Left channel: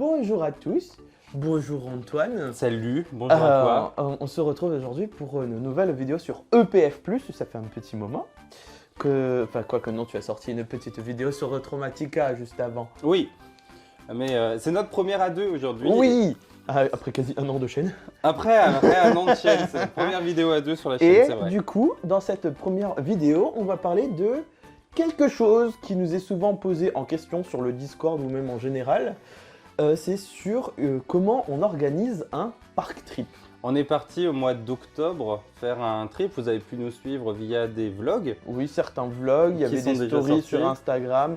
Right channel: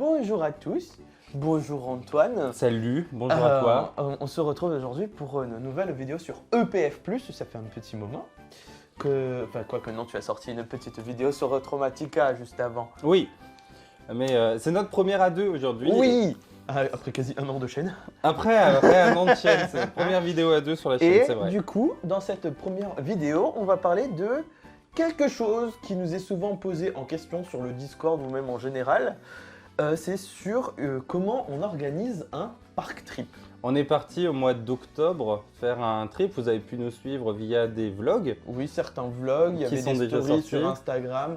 Bonjour à tous, bonjour Antoine. Salut, bonjour à toi. On se retrouve aujourd'hui pour une nouvelle vidéo sur EPF+, ça fait un petit moment. Quoique non, tu as sorti une petite vidéo sur Traumatica juste avant. Oui, mais c'est notre première à deux aujourd'hui. Oui, après quasi un an de chaîne. Après un an de chaîne, c'est notre première vidéo à deux sur la chaîne, c'est vrai. Du coup, dans cette première vidéo, on va parler de quelque chose qui nous est souvent posé en question sur le Discord ou même en général. C'est sur comment on organise un park trip. On est parti au mois d'octobre faire un trip. Vous avez pu nous suivre via des vlogs. Oui, certains vlogs qui sont déjà sortis sur Instagram.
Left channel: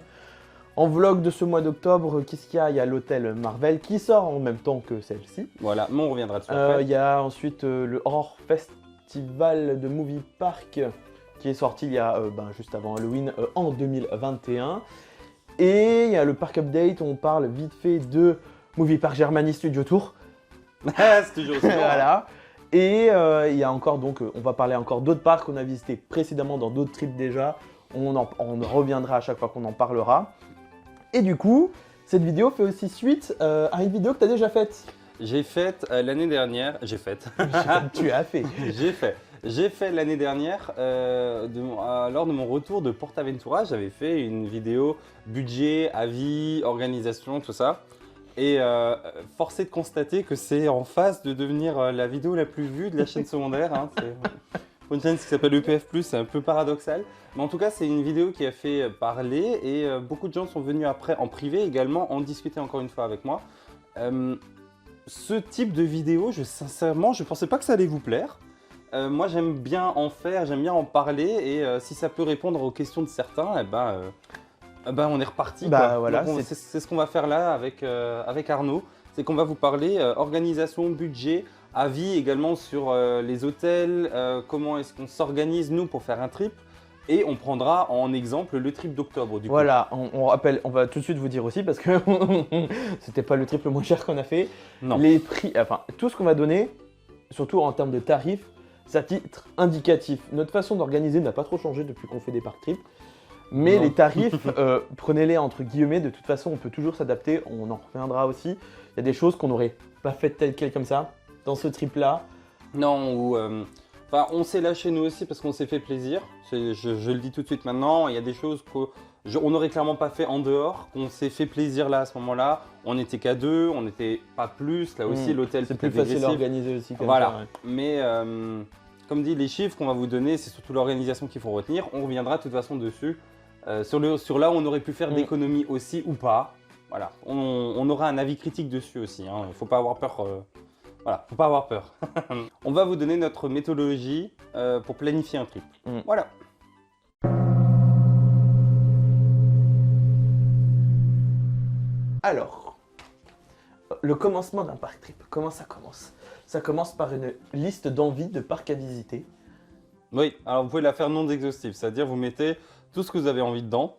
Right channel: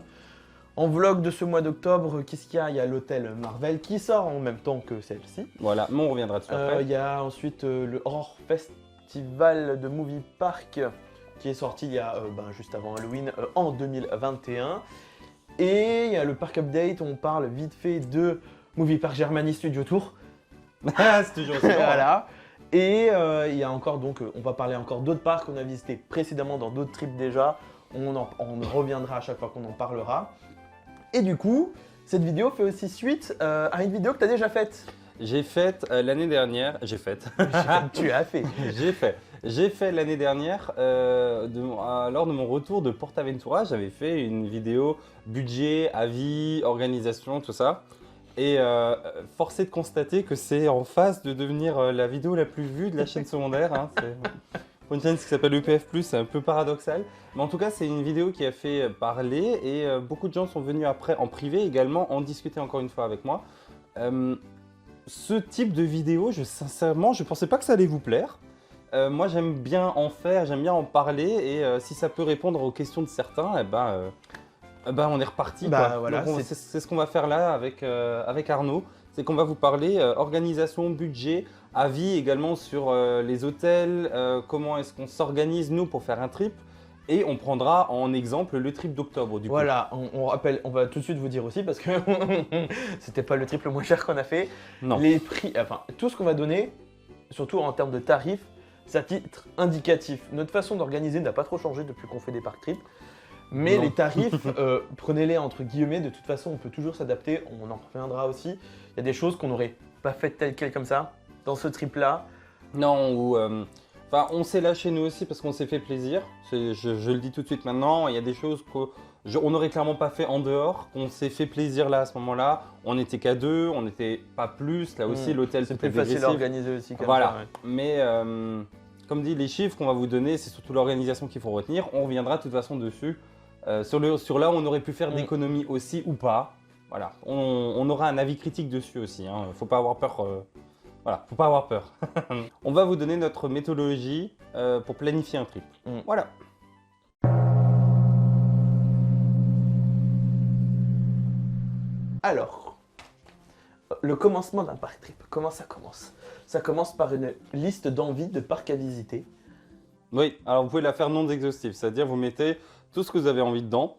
En vlog de ce mois d'octobre, qu'est-ce qu'il y a? Il y a l'hôtel Marvel qui sort en même temps que celle-ci. Voilà, mais on reviendra dessus après. Il y a ensuite le Horror Festival de Movie Park qui est sorti il y a juste avant Halloween en 2021. Et il y a le Park Update où on parle vite fait de Movie Park Germany Studio Tour. C'est toujours aussi long, hein. Voilà. Et il y a encore, donc on va parler encore d'autres parcs qu'on a visités précédemment dans d'autres trips déjà. On reviendra à chaque fois qu'on en parlera. Et du coup, cette vidéo fait aussi suite à une vidéo que tu as déjà faite. J'ai faite l'année dernière. J'ai faite. Tu as fait. J'ai fait l'année dernière, lors de mon retour de PortAventura, j'avais fait une vidéo budget, avis, organisation, tout ça. Et force est de constater que c'est en phase de devenir la vidéo la plus vue de la chaîne secondaire. Hein. Pour une chaîne qui s'appelle EPF+, c'est un peu paradoxal. Mais en tout cas, c'est une vidéo qui a fait parler et beaucoup de gens sont venus après en privé également en discuter encore une fois avec moi. Ce type de vidéo, sincèrement, je ne pensais pas que ça allait vous plaire. Moi, j'aime bien en faire, j'aime bien en parler et si ça peut répondre aux questions de certains, on est reparti quoi. Voilà, donc c'est ce qu'on va faire là avec Arnaud. C'est qu'on va vous parler organisation, budget, avis également sur les hôtels, comment est-ce qu'on s'organise nous pour faire un trip. Et on prendra en exemple le trip d'octobre du coup. Voilà, on rappelle, on va tout de suite vous dire aussi parce que c'était pas le trip le moins cher qu'on a fait. Non. Les prix, enfin tout ce qu'on va donner, surtout en termes de tarifs, c'est à titre indicatif. Notre façon d'organiser n'a pas trop changé depuis qu'on fait des park trips. Mais Non. les tarifs, prenez-les entre guillemets, de toute façon on peut toujours s'adapter, on en reviendra aussi. Il y a des choses qu'on n'aurait pas faites telles quelles comme ça, dans ce trip là. Non, ou on s'est lâché nous aussi parce qu'on s'est fait plaisir. Je le dis tout de suite maintenant, il y a des choses qu'on n'aurait clairement pas fait en dehors, qu'on s'est fait plaisir là à ce moment-là. On n'était qu'à deux, on n'était pas plus, là aussi l'hôtel peut être dégressif. Voilà, mais comme dit, les chiffres qu'on va vous donner, c'est surtout l'organisation qu'il faut retenir. On reviendra de toute façon dessus. Sur là où on aurait pu faire d'économies aussi ou pas. Voilà, on aura un avis critique dessus aussi, hein. Faut pas avoir peur. Voilà, faut pas avoir peur. On va vous donner notre méthodologie pour planifier un trip. Voilà. Alors, le commencement d'un park trip, comment ça commence? Ça commence par une liste d'envies de parcs à visiter. Oui, alors vous pouvez la faire non exhaustive, c'est-à-dire vous mettez tout ce que vous avez envie dedans,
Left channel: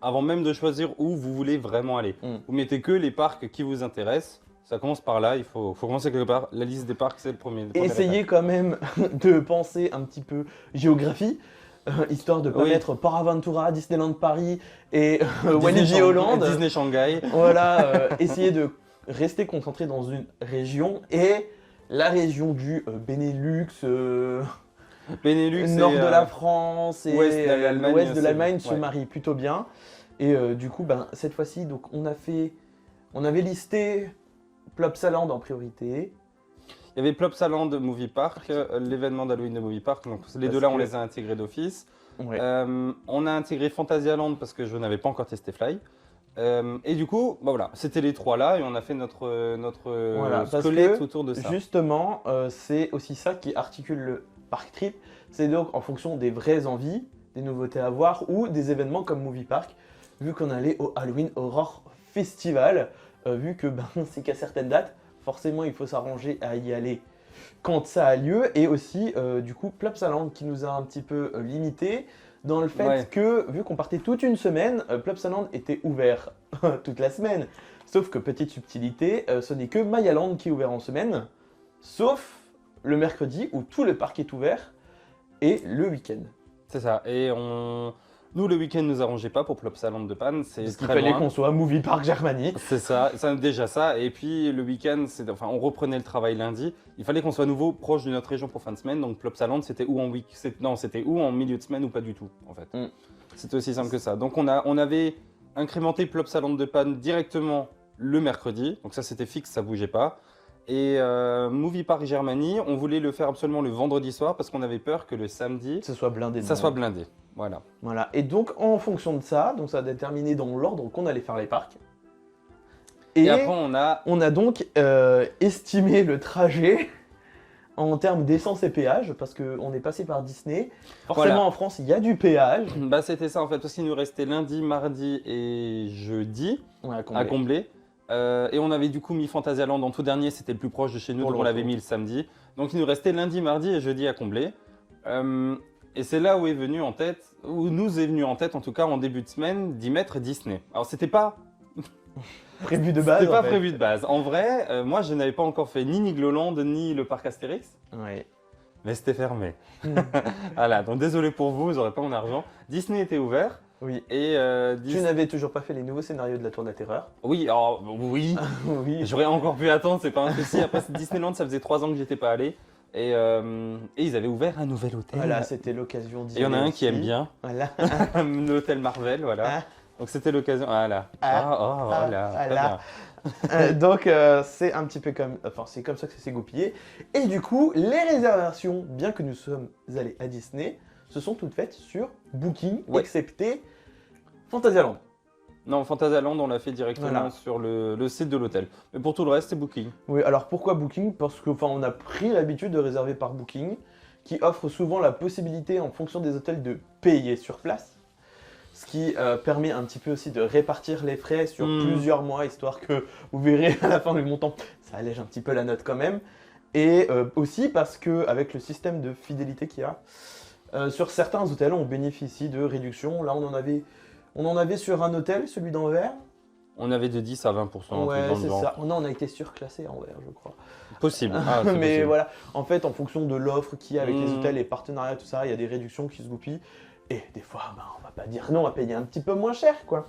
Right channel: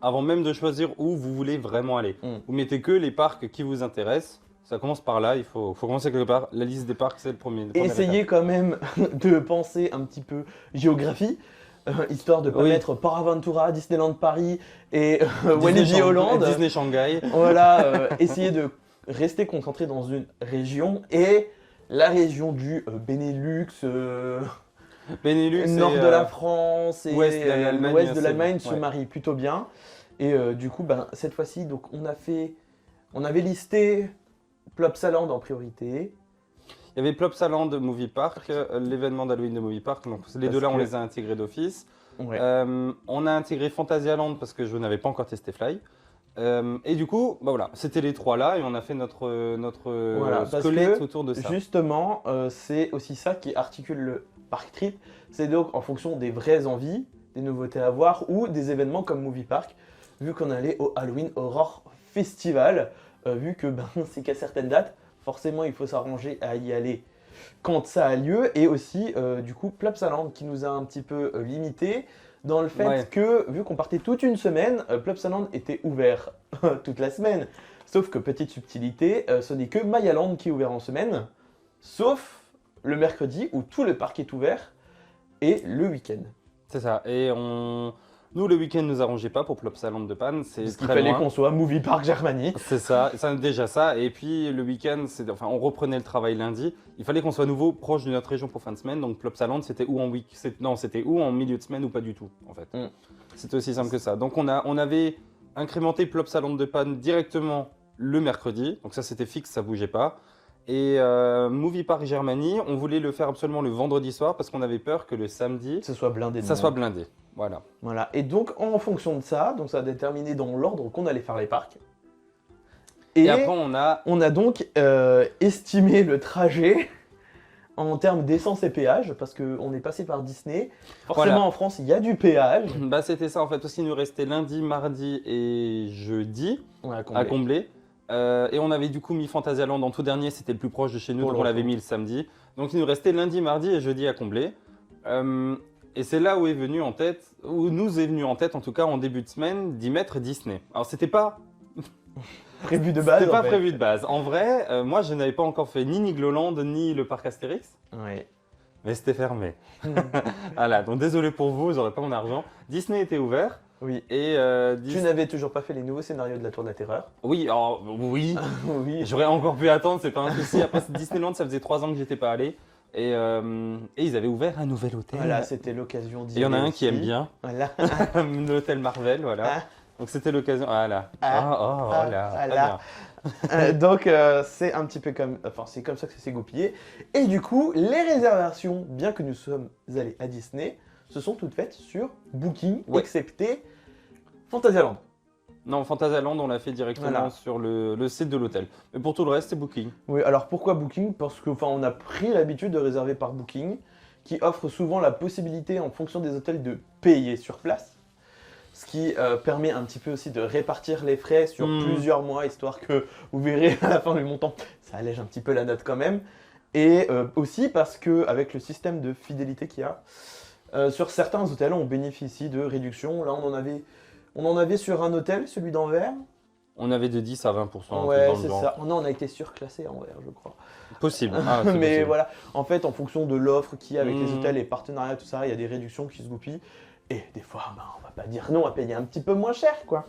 avant même de choisir où vous voulez vraiment aller. Vous mettez que les parcs qui vous intéressent. Ça commence par là, il faut commencer quelque part. La liste des parcs, c'est la première étape. Essayez quand même de penser un petit peu géographie, histoire de ne pas mettre PortAventura, Disneyland Paris et Disney Shanghai. Voilà, essayez de rester concentré dans une région et la région du Benelux, Benelux nord et de la France, ouest de l'Allemagne, se marie plutôt bien. Et du coup, cette fois-ci, donc on avait listé Plopsaland en priorité. Il y avait Plopsaland Movie Park, l'événement d'Halloween de Movie Park, donc les deux là on les a intégrés d'office. Ouais. On a intégré Phantasialand parce que je n'avais pas encore testé Fly. Et du coup, voilà, c'était les trois là et on a fait notre squelette autour de ça. Justement, c'est aussi ça qui articule le park trip. C'est donc en fonction des vraies envies, des nouveautés à voir ou des événements comme Movie Park. Vu qu'on allait au Halloween Horror Festival, vu que c'est qu'à certaines dates, forcément il faut s'arranger à y aller quand ça a lieu. Et aussi, du coup, Plopsaland qui nous a un petit peu limité. Dans le fait que, vu qu'on partait toute une semaine, Plopsaland était ouvert toute la semaine. Sauf que, petite subtilité, ce n'est que Mayaland qui est ouvert en semaine, sauf le mercredi où tout le parc est ouvert et le week-end. C'est ça, et Nous, le week-end ne nous arrangeait pas pour Plopsaland de Panne, c'est très loin. qu'on soit Movie Park Germany. C'est ça, déjà ça. Et puis le week-end, on reprenait le travail lundi. Il fallait qu'on soit à nouveau proche de notre région pour fin de semaine. Donc Plopsaland, c'était ou en c'était ou en milieu de semaine ou pas du tout, en fait. C'était aussi simple que ça. Donc on avait incrémenté Plopsaland de Panne directement le mercredi. Donc ça, c'était fixe, ça bougeait pas. Et Movie Park Germany, on voulait le faire absolument le vendredi soir parce qu'on avait peur que le samedi, ça soit blindé. Voilà. Voilà. Et donc, en fonction de ça, donc ça a déterminé dans l'ordre qu'on allait faire les parcs. Et après, on a donc estimé le trajet en termes d'essence et péage, parce qu'on est passé par Disney. Forcément, voilà. En France, il y a du péage. Bah, c'était ça en fait, parce qu'il nous restait lundi, mardi et jeudi à combler. Et on avait du coup mis Fantasyland en tout dernier, c'était le plus proche de chez nous, donc on l'avait mis le samedi. Donc il nous restait lundi, mardi et jeudi à combler. Et c'est là où nous est venu en tête, en tout cas en début de semaine, d'y mettre Disney. Alors c'était pas prévu de base. C'était pas prévu de base. En vrai, moi je n'avais pas encore fait ni Nigloland ni le parc Astérix. Ouais. Mais c'était fermé. Voilà, donc désolé pour vous, j'aurais pas mon argent. Disney était ouvert. Oui. Et Tu n'avais toujours pas fait les nouveaux scénarios de la Tour de la Terreur. Oui, alors, oui. Oui. J'aurais encore pu attendre, c'est pas un souci. Après, Disneyland, ça faisait 3 ans que j'étais pas allé. Et ils avaient ouvert un nouvel hôtel. Voilà, c'était l'occasion. Et il y en a un qui aime bien. Voilà. L'hôtel Marvel, voilà. Donc c'était l'occasion. Voilà. Oh là, très bien. Donc c'est un petit peu c'est comme ça que ça s'est goupillé. Et du coup, les réservations, bien que nous sommes allés à Disney, se sont toutes faites sur Booking, excepté Fantasyland. Non, Fantasyland, on l'a fait directement sur le site de l'hôtel. Mais pour tout le reste, c'est Booking. Oui, alors pourquoi Booking? Parce qu'on a pris l'habitude de réserver par Booking, qui offre souvent la possibilité, en fonction des hôtels, de payer sur place. Ce qui permet un petit peu aussi de répartir les frais sur plusieurs mois, histoire que vous verrez à la fin du montant, ça allège un petit peu la note quand même. Et aussi parce qu'avec le système de fidélité qu'il y a, sur certains hôtels, on bénéficie de réductions. Là, on en avait sur un hôtel, celui d'Anvers. On avait de 10 à 20%, un truc dans le genre. Ça. Non, on a été surclassé à Anvers, je crois. Possible, c'est possible. Voilà. En fait, en fonction de l'offre qu'il y a avec les hôtels, les partenariats, tout ça, il y a des réductions qui se goupillent. Et des fois, on va pas dire non, on va payer un petit peu moins cher, quoi.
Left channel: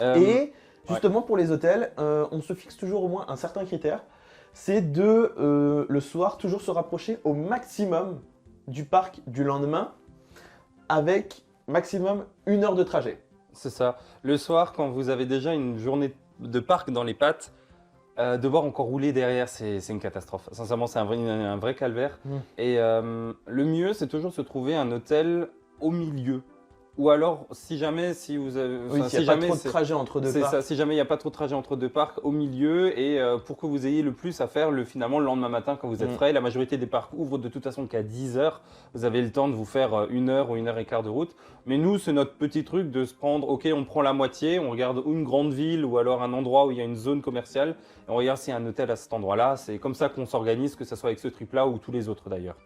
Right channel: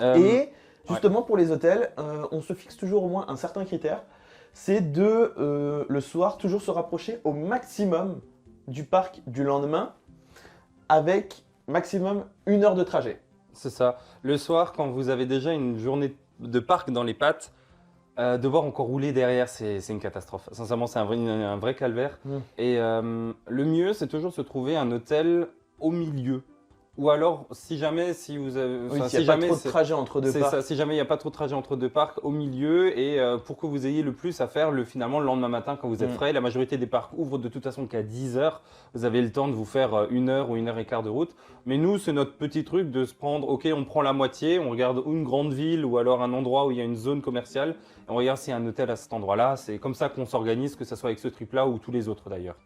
Et justement, pour les hôtels, on se fixe toujours au moins un certain critère. C'est de, le soir, toujours se rapprocher au maximum du parc du lendemain, avec maximum 1 heure de trajet. C'est ça. Le soir, quand vous avez déjà une journée de parc dans les pattes, devoir encore rouler derrière, c'est une catastrophe. Sincèrement, c'est un vrai calvaire. Et le mieux, c'est toujours de se trouver un hôtel au milieu. Ou alors, si jamais il n'y a pas trop de trajet entre deux parcs, au milieu, et pour que vous ayez le plus à faire finalement le lendemain matin quand vous êtes frais. La majorité des parcs ouvrent de toute façon qu'à 10 h. Vous avez le temps de vous faire 1 heure ou 1 heure et quart de route. Mais nous, c'est notre petit truc de se prendre, ok, on prend la moitié, on regarde une grande ville ou alors un endroit où il y a une zone commerciale, et on regarde s'il y a un hôtel à cet endroit-là. C'est comme ça qu'on s'organise, que ce soit avec ce trip-là ou tous les autres d'ailleurs.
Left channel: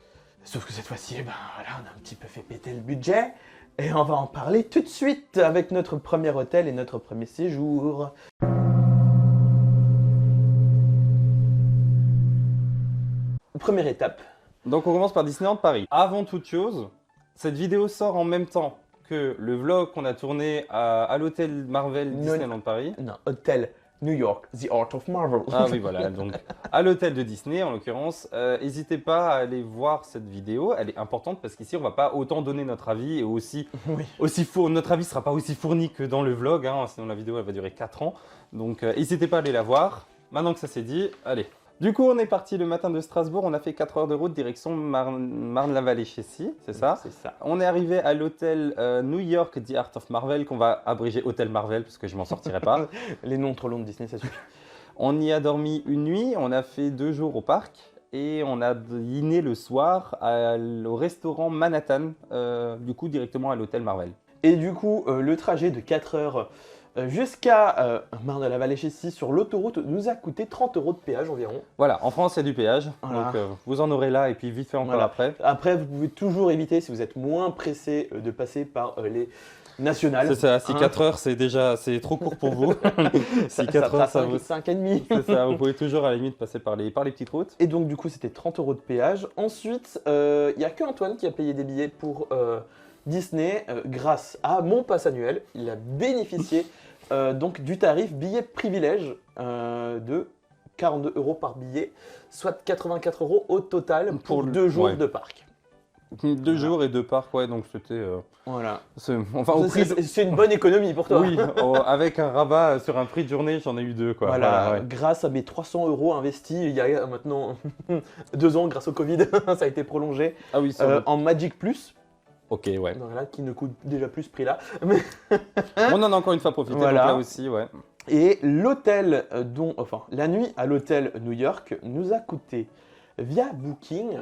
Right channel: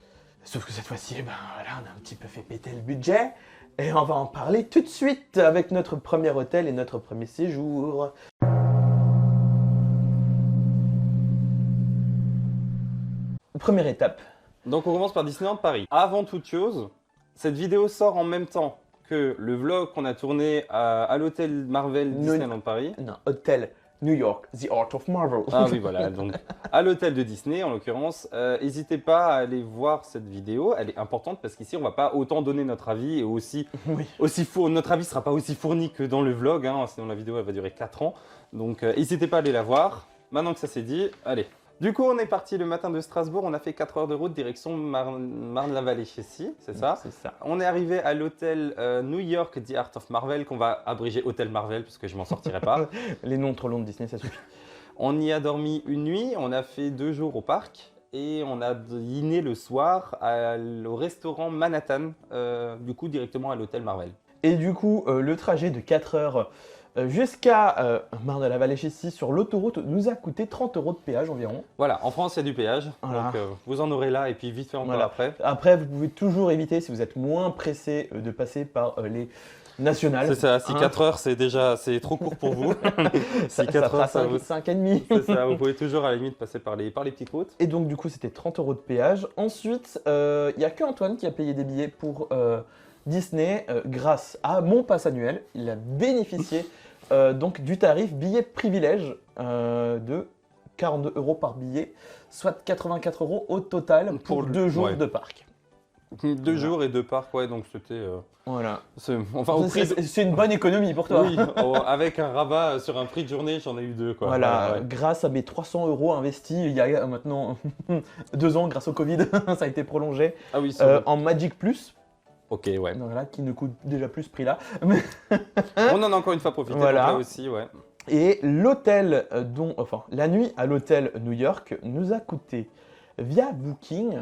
Sauf que cette fois-ci, on a un petit peu fait péter le budget. Et on va en parler tout de suite avec notre premier hôtel et notre premier séjour. Première étape. Donc on commence par Disneyland Paris. Avant toute chose, cette vidéo sort en même temps que le vlog qu'on a tourné à l'hôtel Marvel Disneyland Paris. Non, hôtel New York, The Art of Marvel. Ah oui, voilà, donc à l'hôtel de Disney en l'occurrence. N'hésitez pas à aller voir cette vidéo, elle est importante parce qu'ici on va pas autant donner notre avis et notre avis sera pas aussi fourni que dans le vlog, sinon la vidéo elle va durer 4 ans. Donc n'hésitez pas à aller la voir. Maintenant que ça c'est dit, allez. Du coup, on est parti le matin de Strasbourg, on a fait 4 heures de route direction Marne-la-Vallée-Chessy, c'est ça. On est arrivé à l'hôtel New York The Art of Marvel, qu'on va abréger Hôtel Marvel parce que je m'en sortirai pas. Les noms trop longs de Disney, c'est ça. On y a dormi une nuit, on a fait 2 jours au parc et on a dîné le soir au restaurant Manhattan, du coup directement à l'hôtel Marvel. Et du coup, le trajet de 4 heures jusqu'à Marne-la-Vallée-Chessy sur l'autoroute nous a coûté 30 € de péage environ. Voilà, en France il y a du péage, donc vous en aurez là et puis vite fait encore après. Après, vous pouvez toujours éviter, si vous êtes moins pressé, de passer par les nationales. C'est ça, si 4 heures c'est trop court pour vous. Si 4 heures ça vaut 5,5. C'est ça, vous pouvez toujours à la limite passer par les petites routes. Et donc du coup c'était 30 € de péage. Ensuite, il n'y a que Antoine qui a payé des billets pour Disney, grâce à mon pass annuel, il a bénéficié donc du tarif billet privilège de 42 € par billet, soit 84 € au total Pour pour 2 jours ouais. de parc. 2 jours et 2 parcs, ouais, donc c'était. Voilà. Enfin, au prix de. C'est une bonne économie pour toi. Oui, avec un rabat sur un prix de journée, j'en ai eu 2, quoi. Voilà, ouais. Grâce à mes 300 € investis il y a maintenant 2 ans grâce au Covid, ça a été prolongé Ah oui, sur le. en Magic Plus, Ok, ouais. donc là, qui ne coûte déjà plus ce prix-là. Mais- On en a encore une fois profité, donc Voilà. là aussi, ouais. Et l'hôtel, enfin, la nuit à l'hôtel New York nous a coûté, via Booking,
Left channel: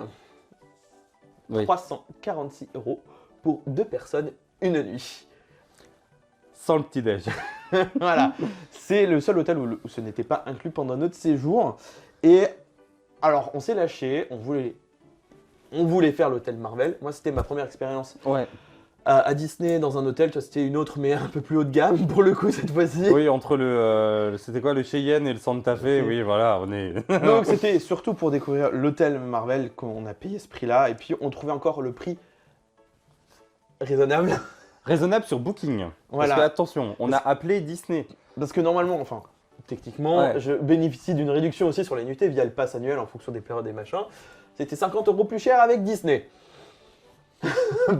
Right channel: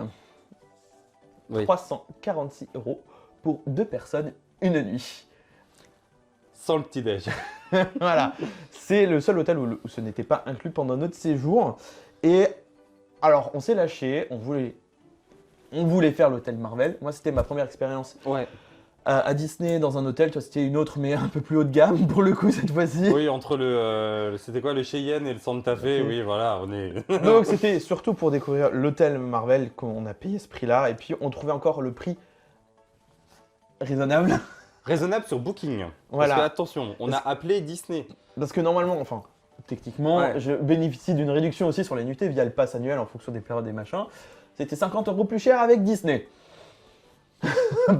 Oui. 346 € pour 2 personnes, une nuit. Sans le petit-déj. Voilà. C'est le seul hôtel où ce n'était pas inclus pendant notre séjour. Et alors, on s'est lâché, on voulait faire l'hôtel Marvel. Moi, c'était ma première expérience Ouais. à Disney dans un hôtel. Toi, c'était une autre, mais un peu plus haut de gamme pour le coup cette fois-ci. Oui, entre le. C'était quoi, le Cheyenne et le Santa Fe, oui, voilà, on est. Donc, c'était surtout pour découvrir l'hôtel Marvel qu'on a payé ce prix-là. Et puis, on trouvait encore le prix raisonnable. Raisonnable sur Booking. Parce que, Voilà. attention, on a appelé Disney. Parce que normalement, enfin, techniquement, Ouais. je bénéficie d'une réduction aussi sur les nuitées via le pass annuel en fonction des périodes et machins. C'était 50 € plus cher avec Disney.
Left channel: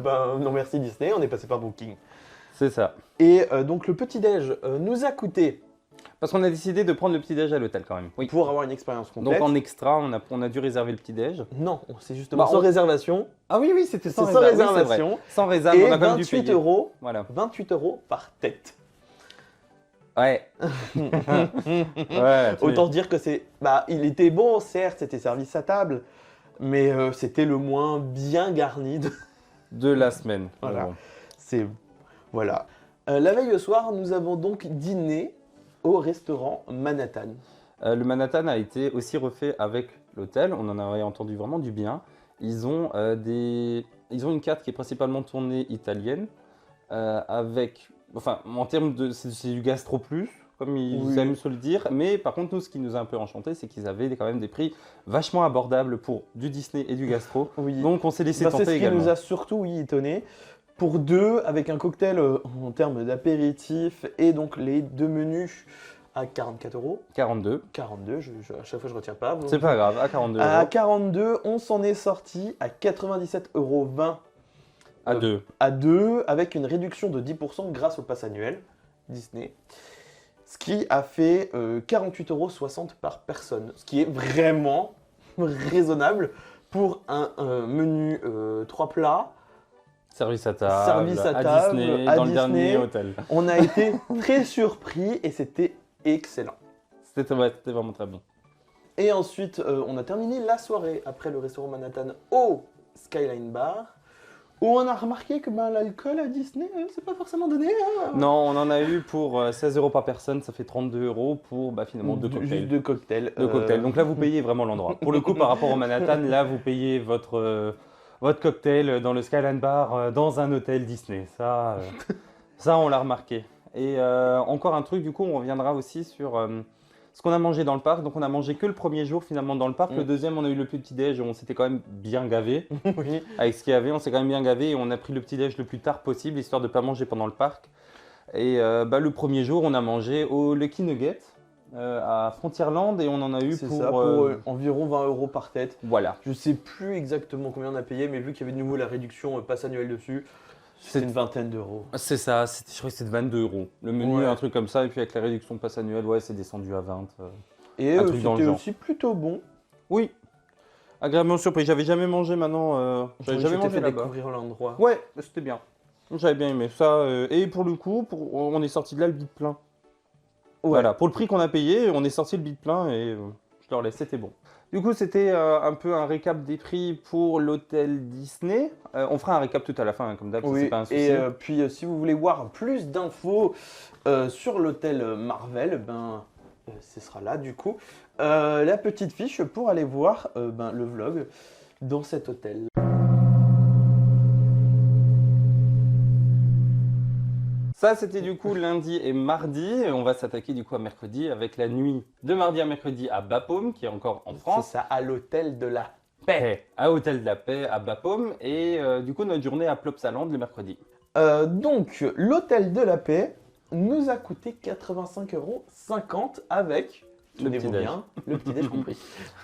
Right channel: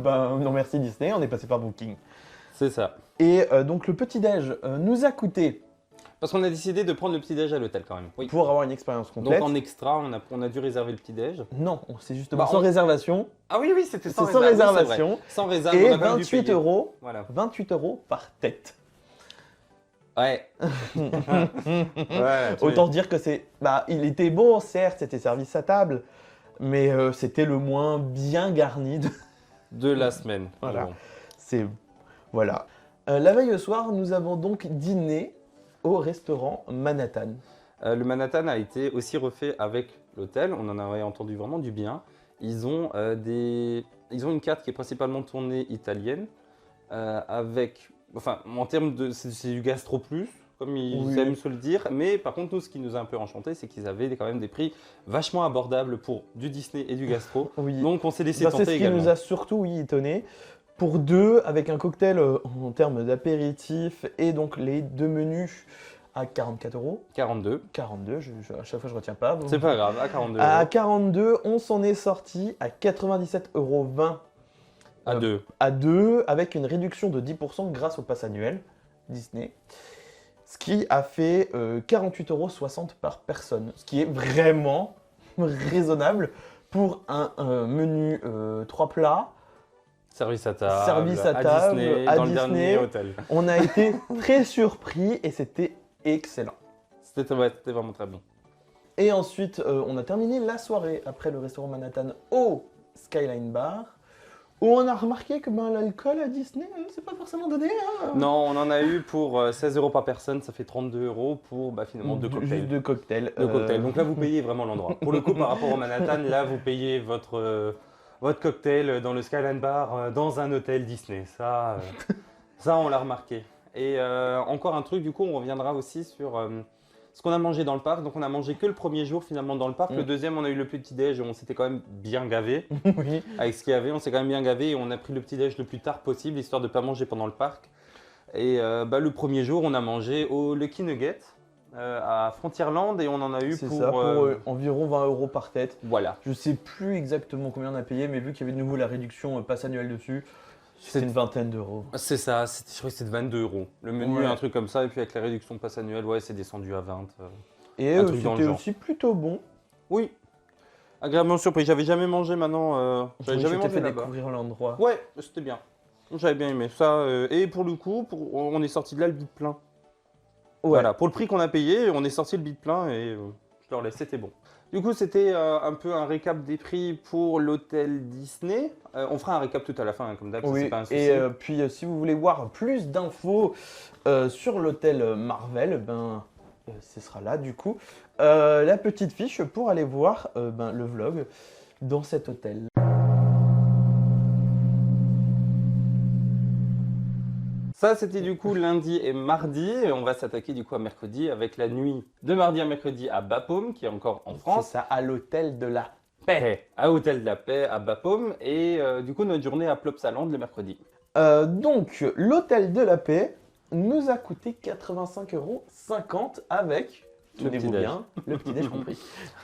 Ben non merci Disney, on est passé par Booking. C'est ça. Et donc le petit-déj nous a coûté, Parce qu'on a décidé de prendre le petit-déj à l'hôtel quand même. Oui. pour avoir une expérience complète. Donc en extra, on a dû réserver le petit-déj. Non, c'est justement Bah, sans on- réservation. Ah oui, oui, c'était sans C'est réserve. Oui, c'est vrai. réservation. Sans réserve, mais Et on a quand même dû 28 payer. €, Voilà. 28 € par tête. Ouais. Ouais, tu mets. Autant dire que c'est... Bah, il était beau, certes, c'était service à table, mais c'était le moins bien garni de... De la semaine. Mais bon. C'est- Voilà. La veille au soir, nous avons donc dîné au restaurant Manhattan. Le Manhattan a été aussi refait avec l'hôtel. On en avait entendu vraiment du bien. Ils ont ils ont une carte qui est principalement tournée italienne, avec, enfin, en termes de, c'est du gastro plus, comme ils Oui. aiment se le dire. Mais par contre, nous, ce qui nous a un peu enchanté, c'est qu'ils avaient quand même des prix vachement abordables pour du Disney et du gastro. Oui. Donc, on s'est laissé Ça, tenter c'est ce qui également. nous a surtout étonné. Pour deux, avec un cocktail en termes d'apéritif et donc les deux menus à 44 €. 42. 42, à chaque fois je retiens pas. C'est pas grave, à 42 À euros. 42, on s'en est sorti à 97,20 € À 2. à 2, avec une réduction de 10% grâce au pass annuel Disney. Ce qui a fait 48,60 € par personne. Ce qui est vraiment raisonnable pour un menu 3 plats. Service à table, Service à à table, Disney, à dans le Disney. dernier hôtel. On a été très surpris et c'était excellent. C'était ouais, c'était vraiment très bon. Et ensuite, on a terminé la soirée après le restaurant Manhattan au Skyline Bar, où on a remarqué que l'alcool à Disney, c'est pas forcément donné. Hein. Non, on en a eu pour 16 € par personne, ça fait 32 € pour finalement deux cocktails. Deux cocktails. Deux cocktails. Donc là, vous payez vraiment l'endroit. Pour le coup, par rapport au Manhattan, là, vous payez votre cocktail dans le Skyline Bar dans un hôtel Disney. Ça, on l'a remarqué. Et encore un truc, du coup, on reviendra aussi sur ce qu'on a mangé dans le parc. Donc, on a mangé que le premier jour finalement dans le parc. Le deuxième, on a eu le petit-déj. On s'était quand même bien gavé. Oui. Avec ce qu'il y avait, on s'est quand même bien gavé et on a pris le petit-déj le plus tard possible, histoire de ne pas manger pendant le parc. Et le premier jour, on a mangé au Lucky Nugget à Frontierland et on en a eu C'est pour... ça, environ 20 € par tête. Voilà. Je sais plus exactement combien on a payé, mais vu qu'il y avait de nouveau la réduction pass annuel dessus, C'est- c'est une vingtaine d'euros. C'est ça, je crois que c'est de 22 €. Le menu, Ouais. un truc comme ça, et puis avec la réduction passe annuelle, ouais, c'est descendu à 20. Et Un truc dans le c'était genre. aussi plutôt bon. Oui, agréablement surpris. J'avais jamais mangé maintenant, j'avais jamais Ça mangé fait là-bas. découvrir l'endroit. Ouais, c'était bien. J'avais bien aimé ça. Et pour le coup, on est sorti de là le bide plein. Ouais. Voilà, pour le prix qu'on a payé, on est sorti le bide plein et je leur laisse, c'était bon. Du coup, c'était un peu un récap des prix pour l'hôtel Disney. On fera un récap tout à la fin, hein, comme d'hab, ça Oui, c'est pas un souci. Et puis si vous voulez voir plus d'infos sur l'hôtel Marvel, ce sera là du coup. La petite fiche pour aller voir le vlog dans cet hôtel. Ça, c'était du coup lundi et mardi. Et on va s'attaquer du coup à mercredi avec la nuit de mardi à mercredi à Bapaume, qui est encore en France. Ça à l'hôtel de la Paix, à Hôtel de la Paix, à Bapaume. Et du coup, notre journée à Plopsaland le mercredi. Donc, l'hôtel de la paix nous a coûté 85,50 € avec Le petit-déj. le petit-déj compris.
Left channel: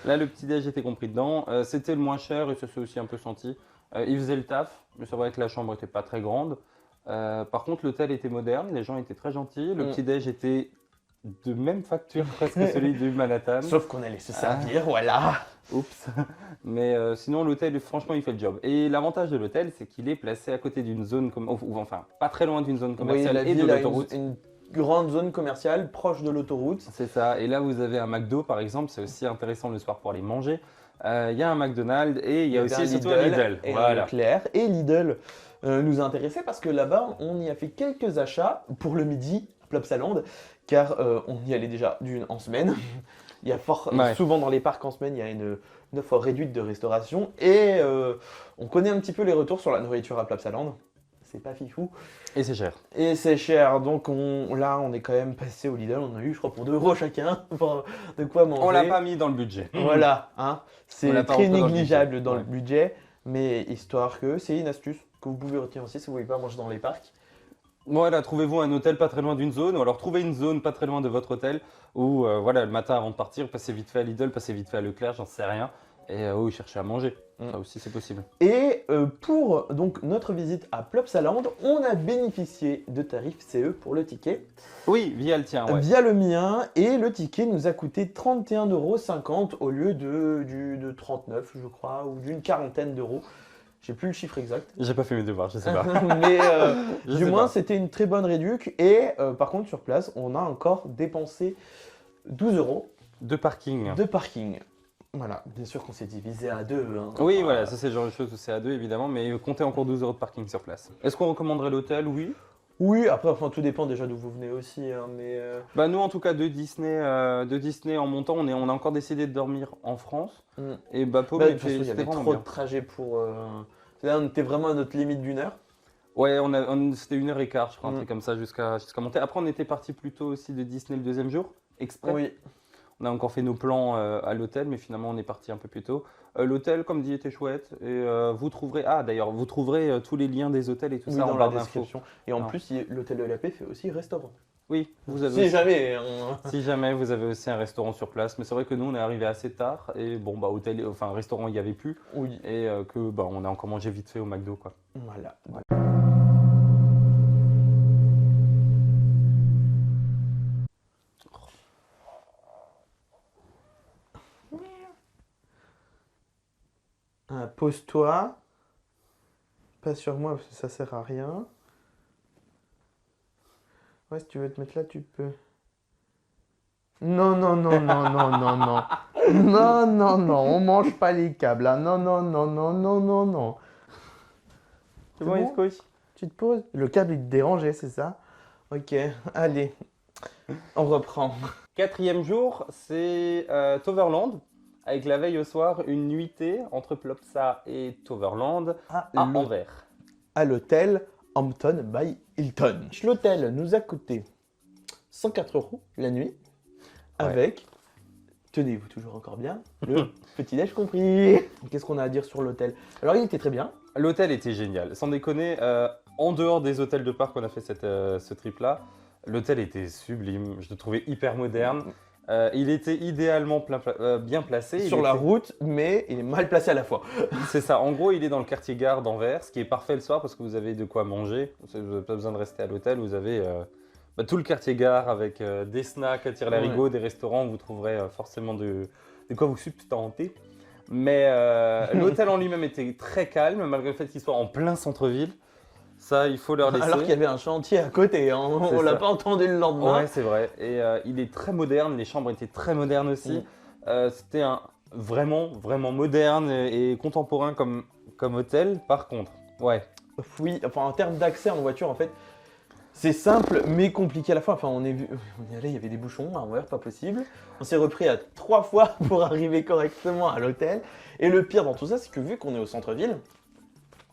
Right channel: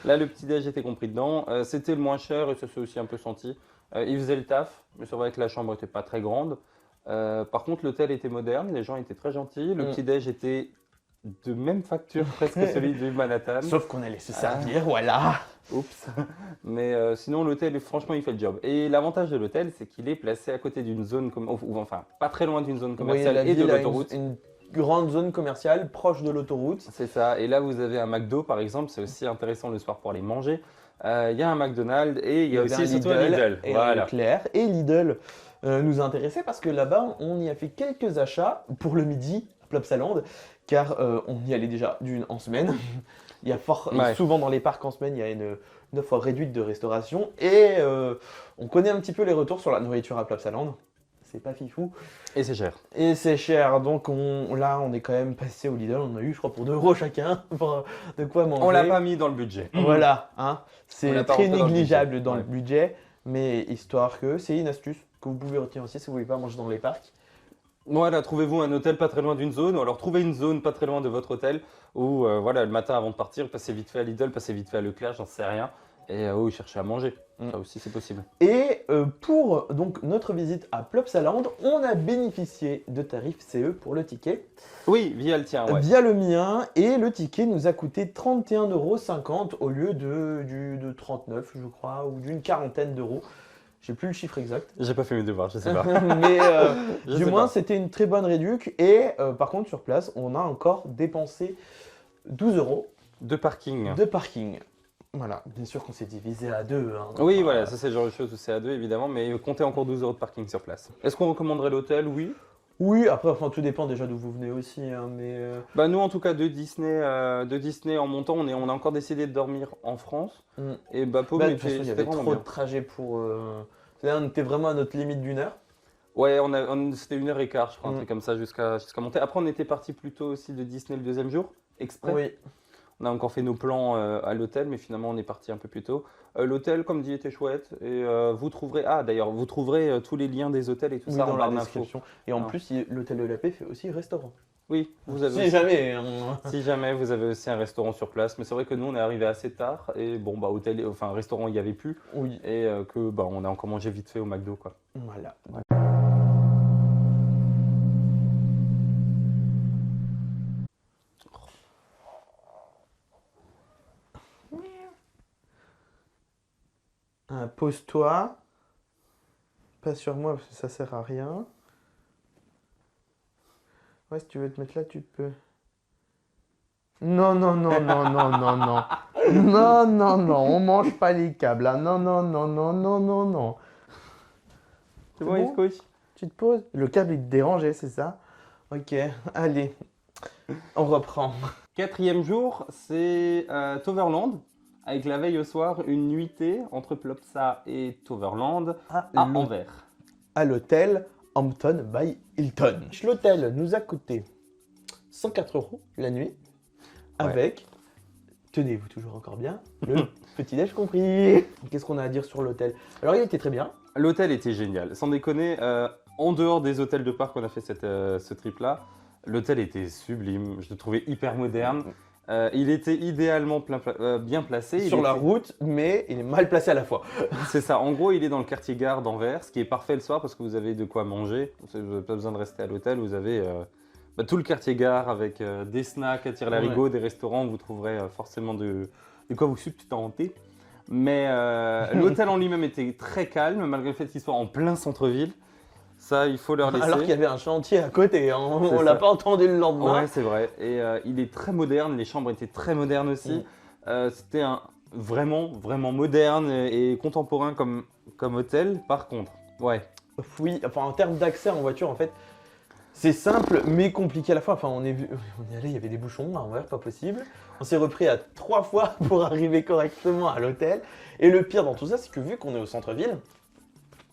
Là, le petit-déj était compris dedans. C'était le moins cher et ça s'est aussi un peu senti. Il faisait le taf, mais c'est vrai que la chambre était pas très grande. Par contre, l'hôtel était moderne, les gens étaient très gentils. Le petit-déj était de même facture presque que celui du Manhattan. Sauf qu'on allait se Ah. servir, voilà. Oups. Mais sinon, l'hôtel, franchement, il fait le job. Et l'avantage de l'hôtel, c'est qu'il est placé à côté d'une zone, enfin, pas très loin d'une zone commerciale Oui, et de il a l'autoroute. Une grande zone commerciale proche de l'autoroute. C'est ça. Et là, vous avez un McDo, par exemple. C'est aussi intéressant le soir pour aller manger. Il y a un McDonald's et il y a aussi surtout un Lidl. Et Voilà. Leclerc et Lidl nous a intéressé parce que là-bas, on y a fait quelques achats pour le midi, Plopsaland, car on y allait déjà d'une en semaine. Il y a souvent dans les parcs en semaine, il y a une offre réduite de restauration et on connaît un petit peu les retours sur la nourriture à Plopsaland. C'est pas fifou. Et c'est cher. Et c'est cher, donc là on est quand même passé au Lidl, on a eu je crois pour 2 € chacun, de quoi manger. On l'a pas mis dans le budget. Voilà, hein. On l'a pas rentré dans le budget. Négligeable dans le budget, mais histoire que c'est une astuce que vous pouvez retenir aussi si vous voulez pas manger dans les parcs. Voilà, trouvez-vous un hôtel pas très loin d'une zone, ou alors trouvez une zone pas très loin de votre hôtel, où voilà, le matin avant de partir, passez vite fait à Lidl, passez vite fait à Leclerc, j'en sais rien, et cherchez à manger. Ça aussi, c'est possible. Et pour donc notre visite à Plopsaland, on a bénéficié de tarifs CE pour le ticket. Oui, via le tien, ouais. Via le mien, et le ticket nous a coûté 31,50 € au lieu de 39, je crois, ou d'une quarantaine d'euros. J'ai plus le chiffre exact. J'ai pas fait mes devoirs, je sais pas. Mais, Je sais pas. C'était une très bonne réduc, et par contre sur place, on a encore dépensé 12 € De parking. de parking. Voilà, bien sûr qu'on s'est divisé à deux. Hein. Oui, voilà, ça c'est le genre de choses où c'est à deux évidemment, mais comptez encore 12 € de parking sur place. Est-ce qu'on recommanderait l'hôtel? Oui. Oui, après, enfin, tout dépend déjà d'où vous venez aussi, hein, mais... Bah nous en tout cas de Disney en montant, on a encore décidé de dormir en France. Et Bapaume c'était vraiment bien. Le trajet pour... Là, on était vraiment à notre limite d'une heure. Ouais, c'était 1h15, je crois, un truc comme ça, jusqu'à monter. Après, on était parti plutôt aussi de Disney le deuxième jour, exprès. Oui. On a encore fait nos plans à l'hôtel, mais finalement, on est parti un peu plus tôt. L'hôtel, comme dit, était chouette. Et vous trouverez, d'ailleurs, vous trouverez tous les liens des hôtels et tout ça en barre d'infos. Et en plus, l'hôtel de la paix fait aussi restaurant. Oui, vous avez Si aussi. jamais. Si jamais, vous avez aussi un restaurant sur place. Mais c'est vrai que nous, on est arrivé assez tard. Et bon, restaurant, il n'y avait plus. Oui. Et on a encore mangé vite fait au McDo, quoi. Voilà. Pose-toi. Pas sur moi parce que ça sert à rien. Si tu veux te mettre là, tu peux. Non, non, non, non, non, non, non. Non, non, non, on mange pas les câbles. Là. Non, non, non, non, non, non, non. C'est bon, il se couche? Le câble est dérangé, c'est ça? Ok, allez. On reprend. 4e jour, c'est Toverland, avec la veille au soir, une nuitée entre Plopsa et Toverland à Anvers. À l'hôtel Hampton by Hilton. L'hôtel nous a coûté 104 € la nuit, avec, tenez-vous toujours encore bien, le petit-déj compris. Qu'est-ce qu'on a à dire sur l'hôtel? Alors il était très bien. L'hôtel était génial, sans déconner, en dehors des hôtels de parc qu'on a fait ce trip-là, l'hôtel était sublime, je le trouvais hyper moderne. Il était idéalement bien placé. Sur la route, mais il est mal placé à la fois. C'est ça. En gros, il est dans le quartier gare d'Anvers, ce qui est parfait le soir parce que vous avez de quoi manger. Vous n'avez pas besoin de rester à l'hôtel. Vous avez tout le quartier gare avec des snacks à tire-larigot, des restaurants. Vous trouverez forcément de quoi vous substanter. Mais l'hôtel en lui-même était très calme, malgré le fait qu'il soit en plein centre-ville. Ça, il faut leur laisser. Alors qu'il y avait un chantier à côté, hein. On l'a pas entendu le lendemain. Ouais, c'est vrai. Et il est très moderne, les chambres étaient très modernes aussi. C'était vraiment, vraiment moderne et contemporain comme hôtel, par contre. Ouais. Oui, enfin en termes d'accès en voiture, en fait, c'est simple mais compliqué à la fois. Enfin, on est allé, il y avait des bouchons, ouais, pas possible. On s'est repris à 3 fois pour arriver correctement à l'hôtel. Et le pire dans tout ça, c'est que vu qu'on est au centre-ville,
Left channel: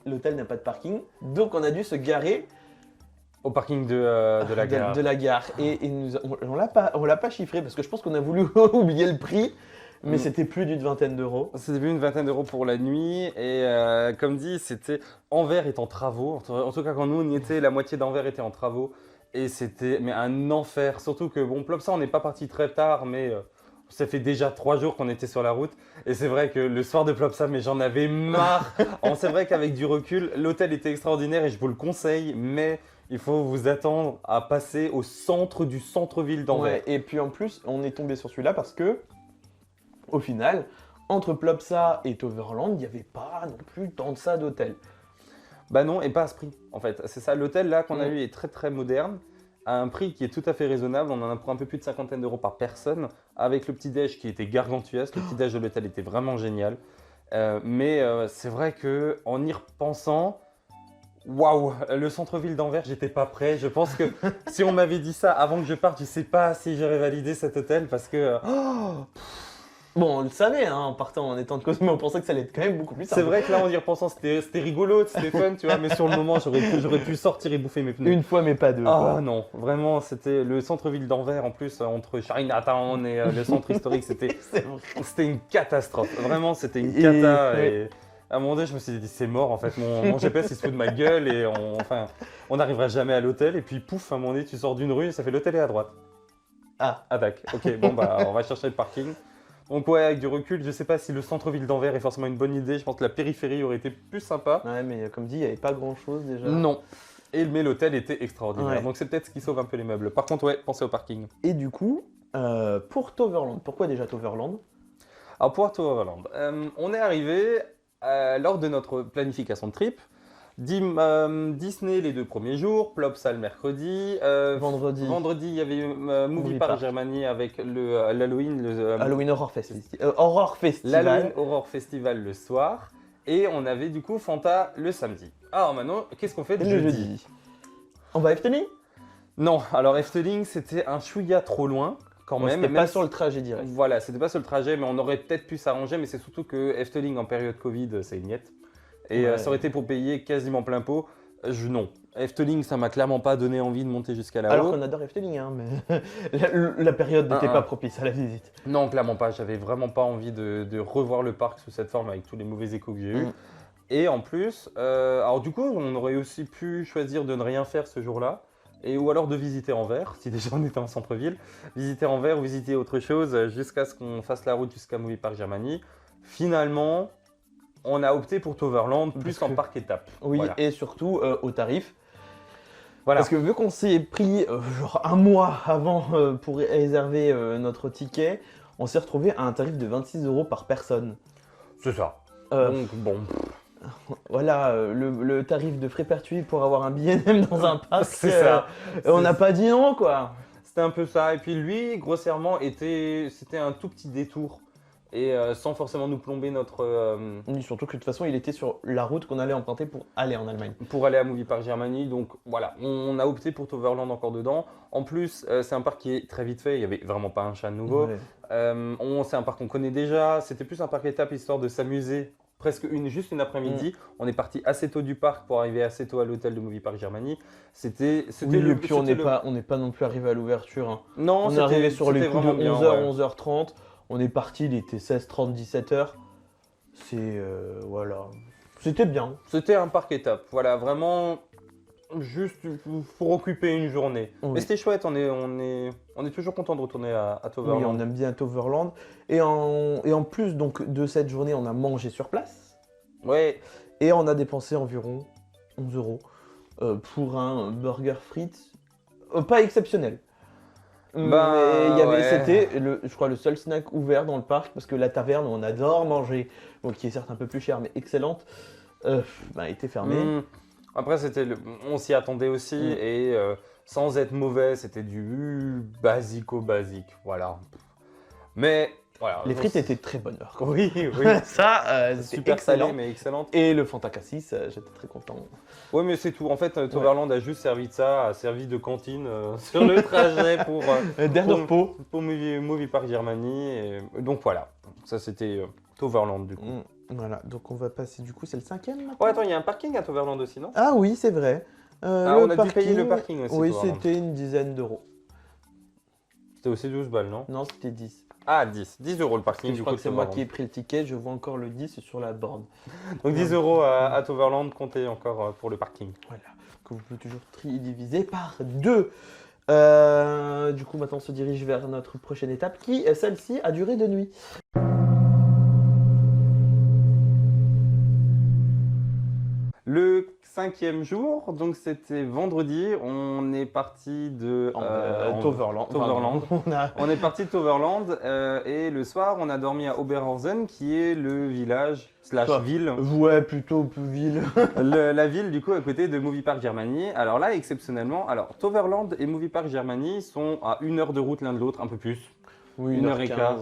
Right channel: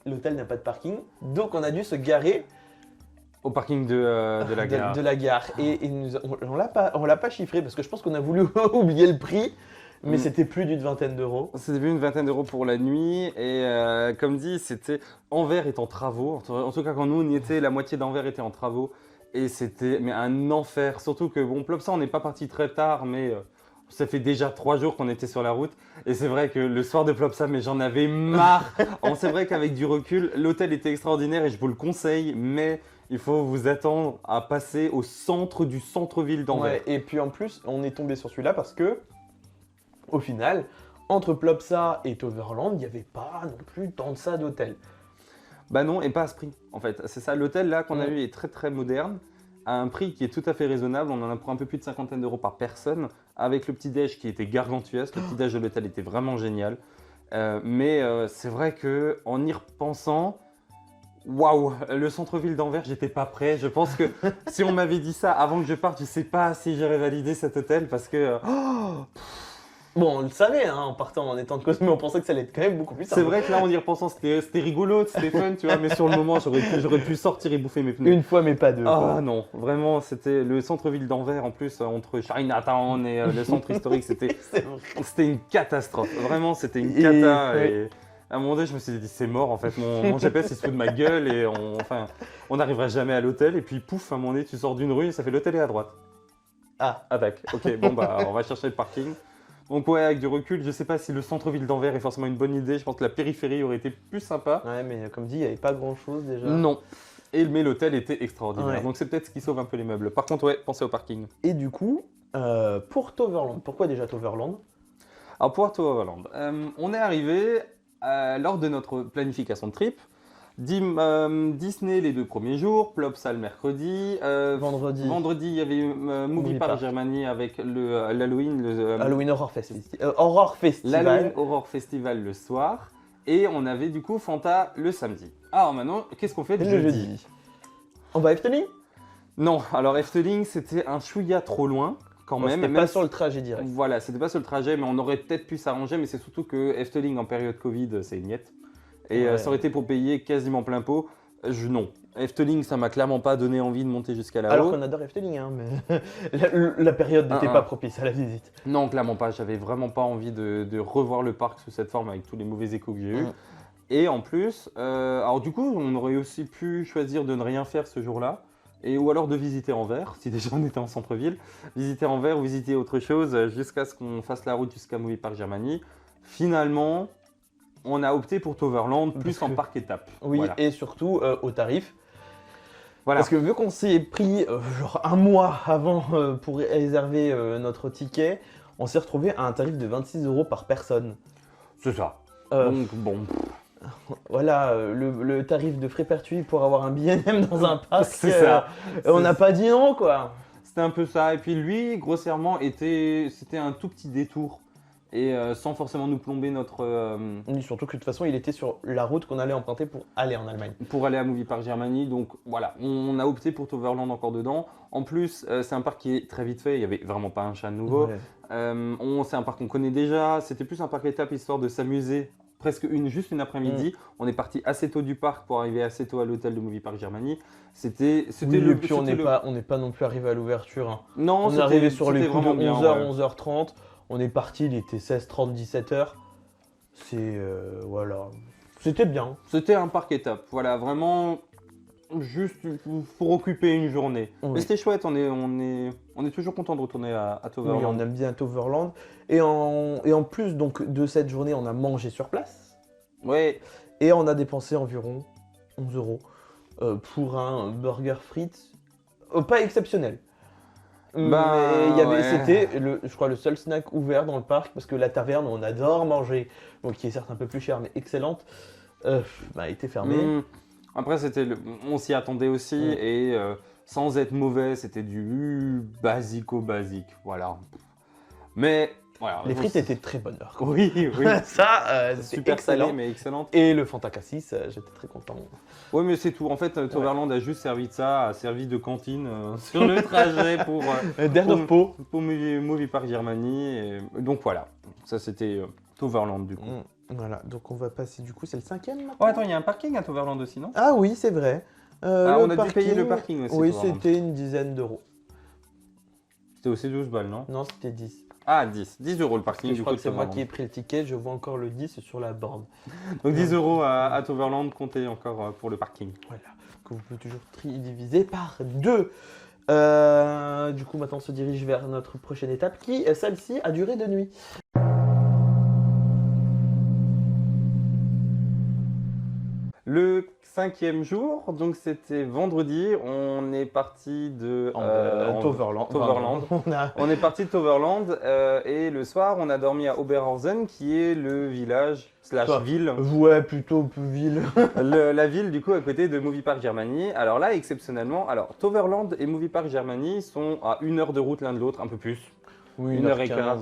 l'hôtel n'a pas de parking, donc on a dû se garer au parking de la gare. Et on l'a pas chiffré parce que je pense qu'on a voulu oublier le prix. Mais c'était plus d'une vingtaine d'euros. C'était plus une vingtaine d'euros pour la nuit. Et comme dit, c'était Anvers est en travaux. En tout cas, quand nous on y était, la moitié d'Anvers était en travaux. Et c'était mais un enfer. Surtout que, bon, Plopsa, on n'est pas parti très tard, mais ça fait déjà 3 jours qu'on était sur la route. Et c'est vrai que le soir de Plopsa, mais j'en avais marre. C'est vrai qu'avec du recul, l'hôtel était extraordinaire et je vous le conseille, mais il faut vous attendre à passer au centre du centre-ville d'Anvers. Ouais, et puis en plus, on est tombé sur celui-là parce que, au final, entre Plopsa et Toverland, il n'y avait pas non plus tant de ça d'hôtel. Bah non, et pas à ce prix, en fait. C'est ça, l'hôtel là qu'on a eu est très très moderne, à un prix qui est tout à fait raisonnable. On en a pour un peu plus de 50 d'euros par personne, avec le petit-déj qui était gargantuesque. Le petit-déj de l'hôtel était vraiment génial. Mais c'est vrai que en y repensant, waouh, le centre-ville d'Anvers, j'étais pas prêt. Je pense que si on m'avait dit ça avant que je parte, je sais pas si j'aurais validé cet hôtel parce que Bon, on le savait, hein, en partant, en étant de Cosmo, on pensait que ça allait être quand même beaucoup plus tard. c'est vrai que là, en y repensant, c'était rigolo, c'était fun, tu vois. Mais sur le moment, j'aurais pu sortir et bouffer mes pneus. Une fois, mais pas deux. Oh non, vraiment, c'était le centre-ville d'Anvers, en plus, entre Chinatown et le centre historique, C'est vrai. c'était une catastrophe. Vraiment, c'était une cata. Et à un moment donné, je me suis dit, c'est mort, en fait. Mon GPS, il se fout de ma gueule et on n'arrivera jamais à l'hôtel. Et puis, pouf, à un moment donné, tu sors d'une rue et ça fait l'hôtel est à droite. Ah, Tac. Ok, bon, bah, on va chercher le parking. Donc, ouais, avec du recul, je sais pas si le centre-ville d'Anvers est forcément une bonne idée. Je pense que la périphérie aurait été plus sympa. ouais, mais comme dit, il n'y avait pas grand-chose déjà. Non. Mais l'hôtel était extraordinaire. Ouais. Donc, c'est peut-être ce qui sauve un peu les meubles. Par contre, ouais, pensez au parking. Et du coup, pour Toverland, pourquoi déjà Toverland? Alors, pour Toverland, on est arrivé lors de notre planification de trip. Disney les 2 premiers jours, Plopsa le mercredi. Vendredi, il y avait Movie Park Germany avec l'Halloween. Halloween Horror Festival. Horror Festival. L'Halloween Horror Festival le soir. Et on avait du coup Fanta le samedi. Alors maintenant, qu'est-ce qu'on fait de jeudi? On va Efteling? Non, alors Efteling, c'était un chouïa trop loin quand même. Même Même sur le trajet, direct. Voilà, c'était pas sur le trajet, mais on aurait peut-être pu s'arranger. Mais c'est surtout que Efteling en période Covid, c'est une miette. Et ça aurait été pour payer quasiment plein pot. Non. Efteling, ça m'a clairement pas donné envie de monter jusqu'à là-haut. On adore Efteling, hein, mais la période n'était pas propice à la visite. Non, clairement pas. J'avais vraiment pas envie de revoir le parc sous cette forme avec tous les mauvais échos que j'ai eus. Et en plus, alors du coup, on aurait aussi pu choisir de ne rien faire ce jour-là. Ou alors de visiter Anvers, si déjà on était en centre-ville. Visiter Anvers ou visiter autre chose jusqu'à ce qu'on fasse la route jusqu'à Movie Park Germany. Finalement, on a opté pour Toverland plus en parc étape. Oui, Voilà. et surtout au tarif. Voilà. Parce que vu qu'on s'y est pris genre un mois avant pour réserver notre ticket, on s'est retrouvé à un tarif de 26 € par personne. C'est ça. Donc bon. Voilà, le tarif de frais pertuis pour avoir un billet même dans un parc. C'est ça. On n'a pas dit non, quoi. C'était un peu ça. Et puis lui, grossièrement, c'était un tout petit détour. Et sans forcément nous plomber notre... Surtout que de toute façon, il était sur la route qu'on allait emprunter pour aller en Allemagne. Pour aller à Movie Park Germany. Donc voilà, on a opté pour Toverland encore dedans. En plus, c'est un parc qui est très vite fait. Il n'y avait vraiment pas un chat de nouveau. C'est un parc qu'on connaît déjà. C'était plus un parc étape histoire de s'amuser. Juste une après-midi. On est parti assez tôt du parc pour arriver assez tôt à l'hôtel de Movie Park Germany. On n'est pas non plus arrivé à l'ouverture. Hein. Non, c'était vraiment bien. 11h, Ouais. 11h30. On est parti, il était 16h30, 17h. Voilà. C'était bien. C'était un parc étape. Voilà, vraiment juste pour occuper une journée. Mais c'était chouette. On est toujours content de retourner à Toverland. Oui, on aime bien Toverland. Et en plus donc, de cette journée, on a mangé sur place. Ouais. Et on a dépensé environ 11 € pour un burger frites. Pas exceptionnel. Ouais. C'était, je crois, le seul snack ouvert dans le parc parce que la taverne, on adore manger, donc qui est certes un peu plus chère mais excellente, était fermée. Après, on s'y attendait aussi et sans être mauvais, c'était du basico-basique. Voilà. Mais voilà. Les frites étaient très bonnes. Oui, oui. Ça, Super salé, mais excellente. Et le Fanta Cassis, j'étais très content. Oui, mais c'est tout. En fait, Toverland a juste servi de ça, a servi de cantine sur le trajet pour Movie Park Germany. Et donc voilà, ça c'était Toverland du coup. Voilà, donc on va passer du coup, c'est le 5e. Oh, attends, il y a un parking à Toverland aussi, non? Ah oui, c'est vrai. On a dû payer le parking aussi, oui, Toverland. C'était une dizaine d'euros. C'était aussi 12 balles, non? Non, c'était 10. Ah, 10. 10 euros le parking Je du crois coup de que c'est moi Toverland. qui ai pris le ticket, je vois encore le 10 sur la borne. Donc 10 euros à Toverland, comptez encore pour le parking. Voilà, qu'on peut toujours diviser par 2. Du coup, maintenant on se dirige vers notre prochaine étape qui, celle-ci, a duré de nuit. Le 5e jour, donc c'était vendredi, on est parti de Toverland. On est parti de Toverland et le soir, on a dormi à Oberhausen, qui est le village slash ville. Ouais, plutôt ville. La ville du coup à côté de Movie Park Germany. Alors là, exceptionnellement, Toverland et Movie Park Germany sont à 1 heure de route l'un de l'autre, un peu plus. Oui, 1 heure et quart.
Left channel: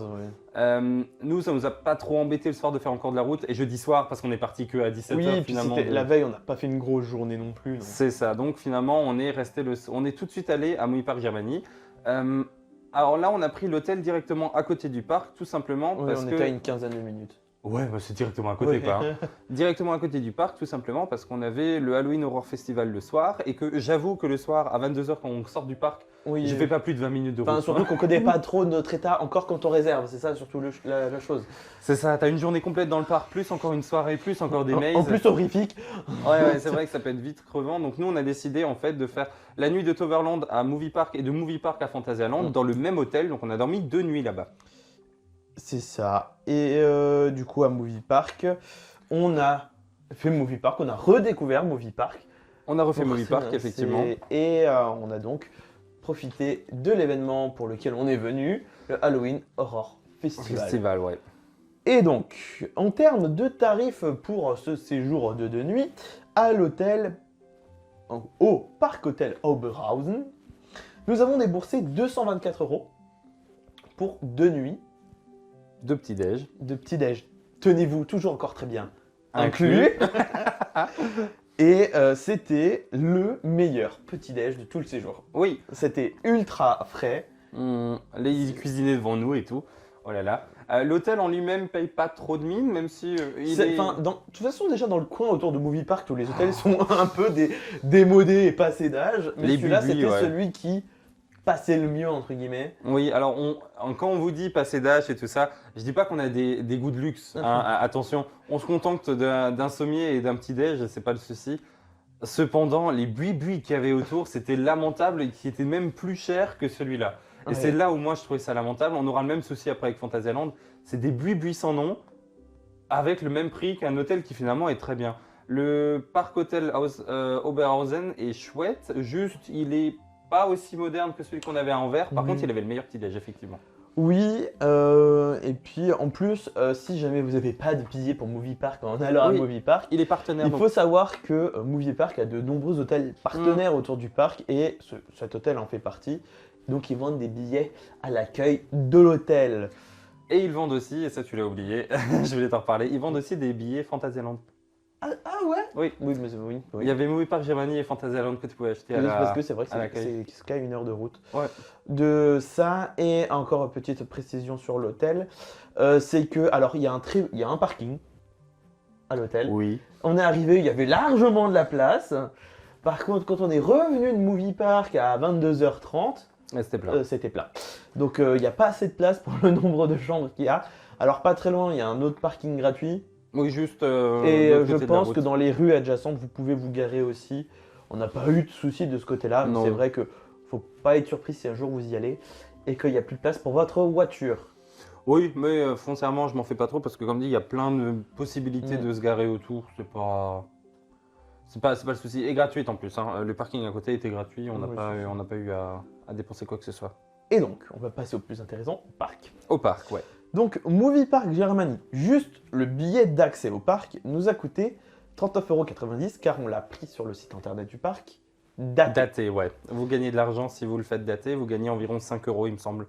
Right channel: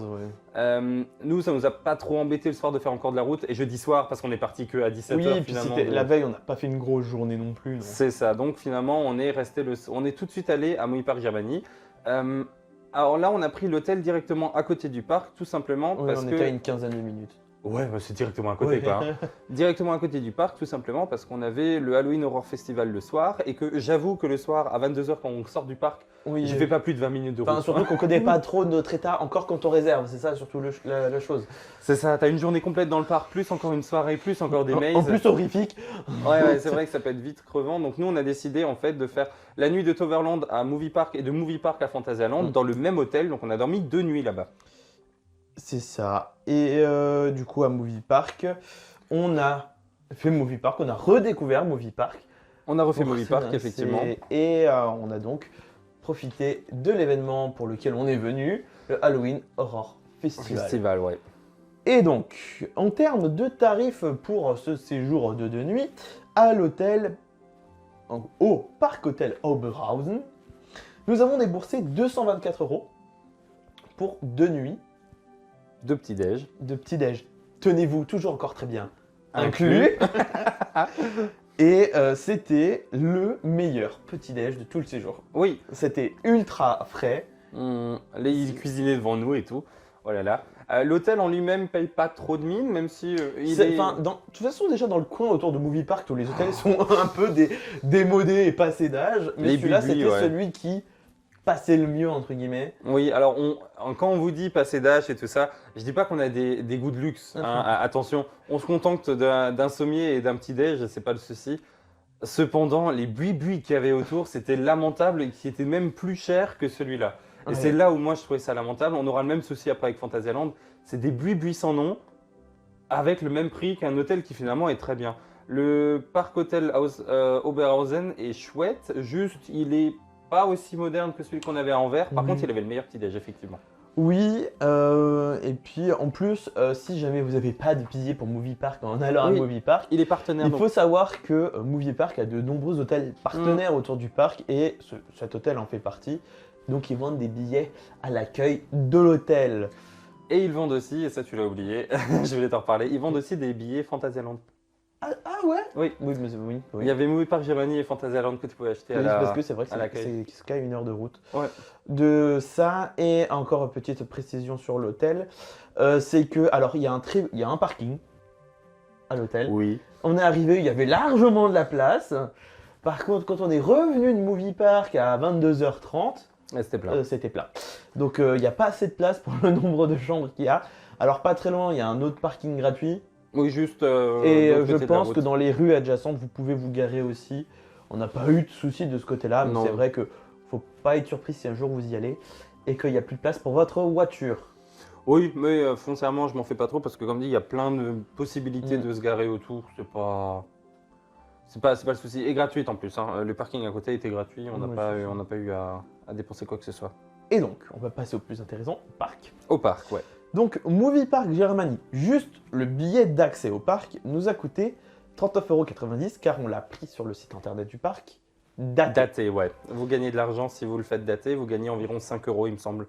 Nous, ça nous a pas trop embêté le soir de faire encore de la route. Et jeudi soir, parce qu'on est parti que à 17h finalement. La veille, on n'a pas fait une grosse journée non plus. C'est ça. Donc finalement, on est tout de suite allé à Movie Park Germany. Alors là, on a pris l'hôtel directement à côté du parc, tout simplement parce On a que. fait une quinzaine de minutes. Ouais, bah, c'est directement à côté quoi. Hein. Directement à côté du parc, tout simplement parce qu'on avait le Halloween Horror Festival le soir et que j'avoue que le soir, à 22h, quand on sort du parc, Oui, je fais pas plus de 20 minutes de route. Surtout qu'on connaît pas trop notre état encore quand on réserve, c'est ça surtout la chose. C'est ça, t'as une journée complète dans le parc, plus encore une soirée, plus encore des mazes. En plus horrifique. Ouais, c'est vrai que ça peut être vite crevant. Donc nous, on a décidé en fait de faire la nuit de Toverland à Movie Park et de Movie Park à Fantasyland dans le même hôtel. Donc on a dormi 2 nuits là-bas. C'est ça. Et du coup, à Movie Park, on a fait Movie Park, on a redécouvert Movie Park. On a refait Movie Park, effectivement. Et on a donc profité de l'événement pour lequel on est venu, le Halloween Horror Festival. Ouais. Et donc, en termes de tarifs pour ce séjour de 2 nuits, à l'hôtel, au Parc Hôtel Oberhausen, nous avons déboursé 224 € pour 2 nuits 2 petits-déj. de petit-déj. Tenez-vous, toujours encore très bien. Inclus. Et c'était le meilleur petit-déj de tout le séjour. Oui. C'était ultra frais. Les cuisiniers devant nous et tout. Oh là là. L'hôtel en lui-même paye pas trop de mine, même si il est. De toute façon, déjà dans le coin autour de Movie Park, tous les hôtels sont un peu démodés et passés d'âge. Les buis, ouais. Celui qui passait le mieux, entre guillemets. Oui, alors quand on vous dit passer d'âge et tout ça, je dis pas qu'on a des goûts de luxe. Hein, attention, on se contente d'un sommier et d'un petit-déj, c'est pas le souci. Cependant, les buis qu'il y avait autour, c'était lamentable et qui étaient même plus chers que celui-là. Et c'est là où moi je trouvais ça lamentable. On aura le même souci après avec Fantasyland. C'est des buis sans nom, avec le même prix qu'un hôtel qui finalement est très bien. Le parc hôtel Oberhausen est chouette, juste il est pas aussi moderne que celui qu'on avait à Anvers. Par contre, il avait le meilleur petit-déj, effectivement. Oui, et puis en plus, si jamais vous n'avez pas de billet pour Movie Park en allant Oui, à Movie Park, il est partenaire il donc. faut savoir que Movie Park a de nombreux hôtels partenaires autour du parc et cet hôtel en fait partie. Donc ils vendent des billets à l'accueil de l'hôtel. Et ils vendent aussi, et ça tu l'as oublié, je voulais t'en reparler, ils vendent aussi des billets Fantasyland. Ah ouais. Oui. Oui, mais oui. Il y avait Movie Park Germany et Fantasyland que tu pouvais acheter à C'est l'accueil. quand même 1 heure de route. Ouais. De ça, et encore une petite précision sur l'hôtel, c'est que, alors il y a un parking à l'hôtel. Oui. On est arrivé, il y avait largement de la place. Par contre, quand on est revenu de Movie Park à 22h30, C'était plein. c'était plat. Donc il n'y a pas assez de place pour le nombre de chambres qu'il y a. Alors pas très loin, il y a un autre parking gratuit. Oui, juste de l'autre côté de la route. Je pense que dans les rues adjacentes, vous pouvez vous garer aussi. On n'a pas eu de soucis de ce côté-là. Non. C'est vrai que faut pas être surpris si un jour vous y allez et qu'il n'y a plus de place pour votre voiture. Oui, mais foncièrement, je m'en fais pas trop parce que comme dit, il y a plein de possibilités de se garer autour. C'est pas le souci. Et gratuit en plus. Hein. Le parking à côté était gratuit. On n'a pas eu à dépenser quoi que ce soit. Et donc, on va passer au plus intéressant, parc. Au parc, ouais. Donc, Movie Park Germany, juste le billet d'accès au parc nous a coûté 39,90 € car on l'a pris sur le site internet du parc. Daté, ouais. Vous gagnez de l'argent si vous le faites daté. Vous gagnez environ 5 €, il me semble.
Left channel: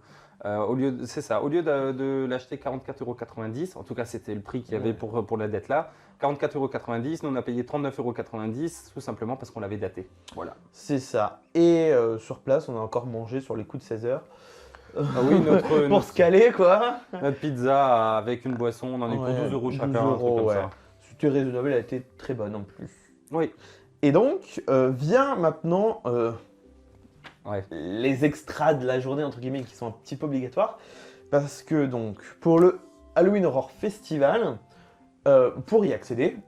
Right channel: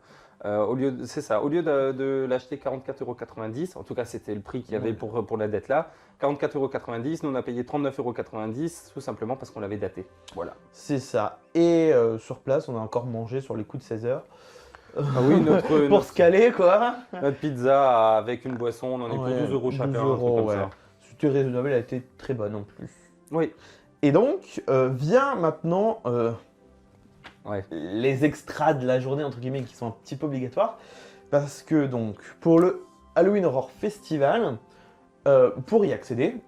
C'est ça. Au lieu de l'acheter 44,90 €, en tout cas c'était le prix qu'il y avait pour la dette là, 44,90 €, nous on a payé 39,90 € tout simplement parce qu'on l'avait daté. Voilà. C'est ça. Et sur place, on a encore mangé sur les coups de 16 heures. Ah oui, Pour se caler, quoi. Notre pizza avec une boisson, on en est pour 12 € chacun, un truc comme ça. C'était raisonnable, elle a été très bonne non plus. Oui. Et donc, vient maintenant les extras de la journée, entre guillemets, qui sont un petit peu obligatoires. parce que donc pour le Halloween Horror Festival, pour y accéder,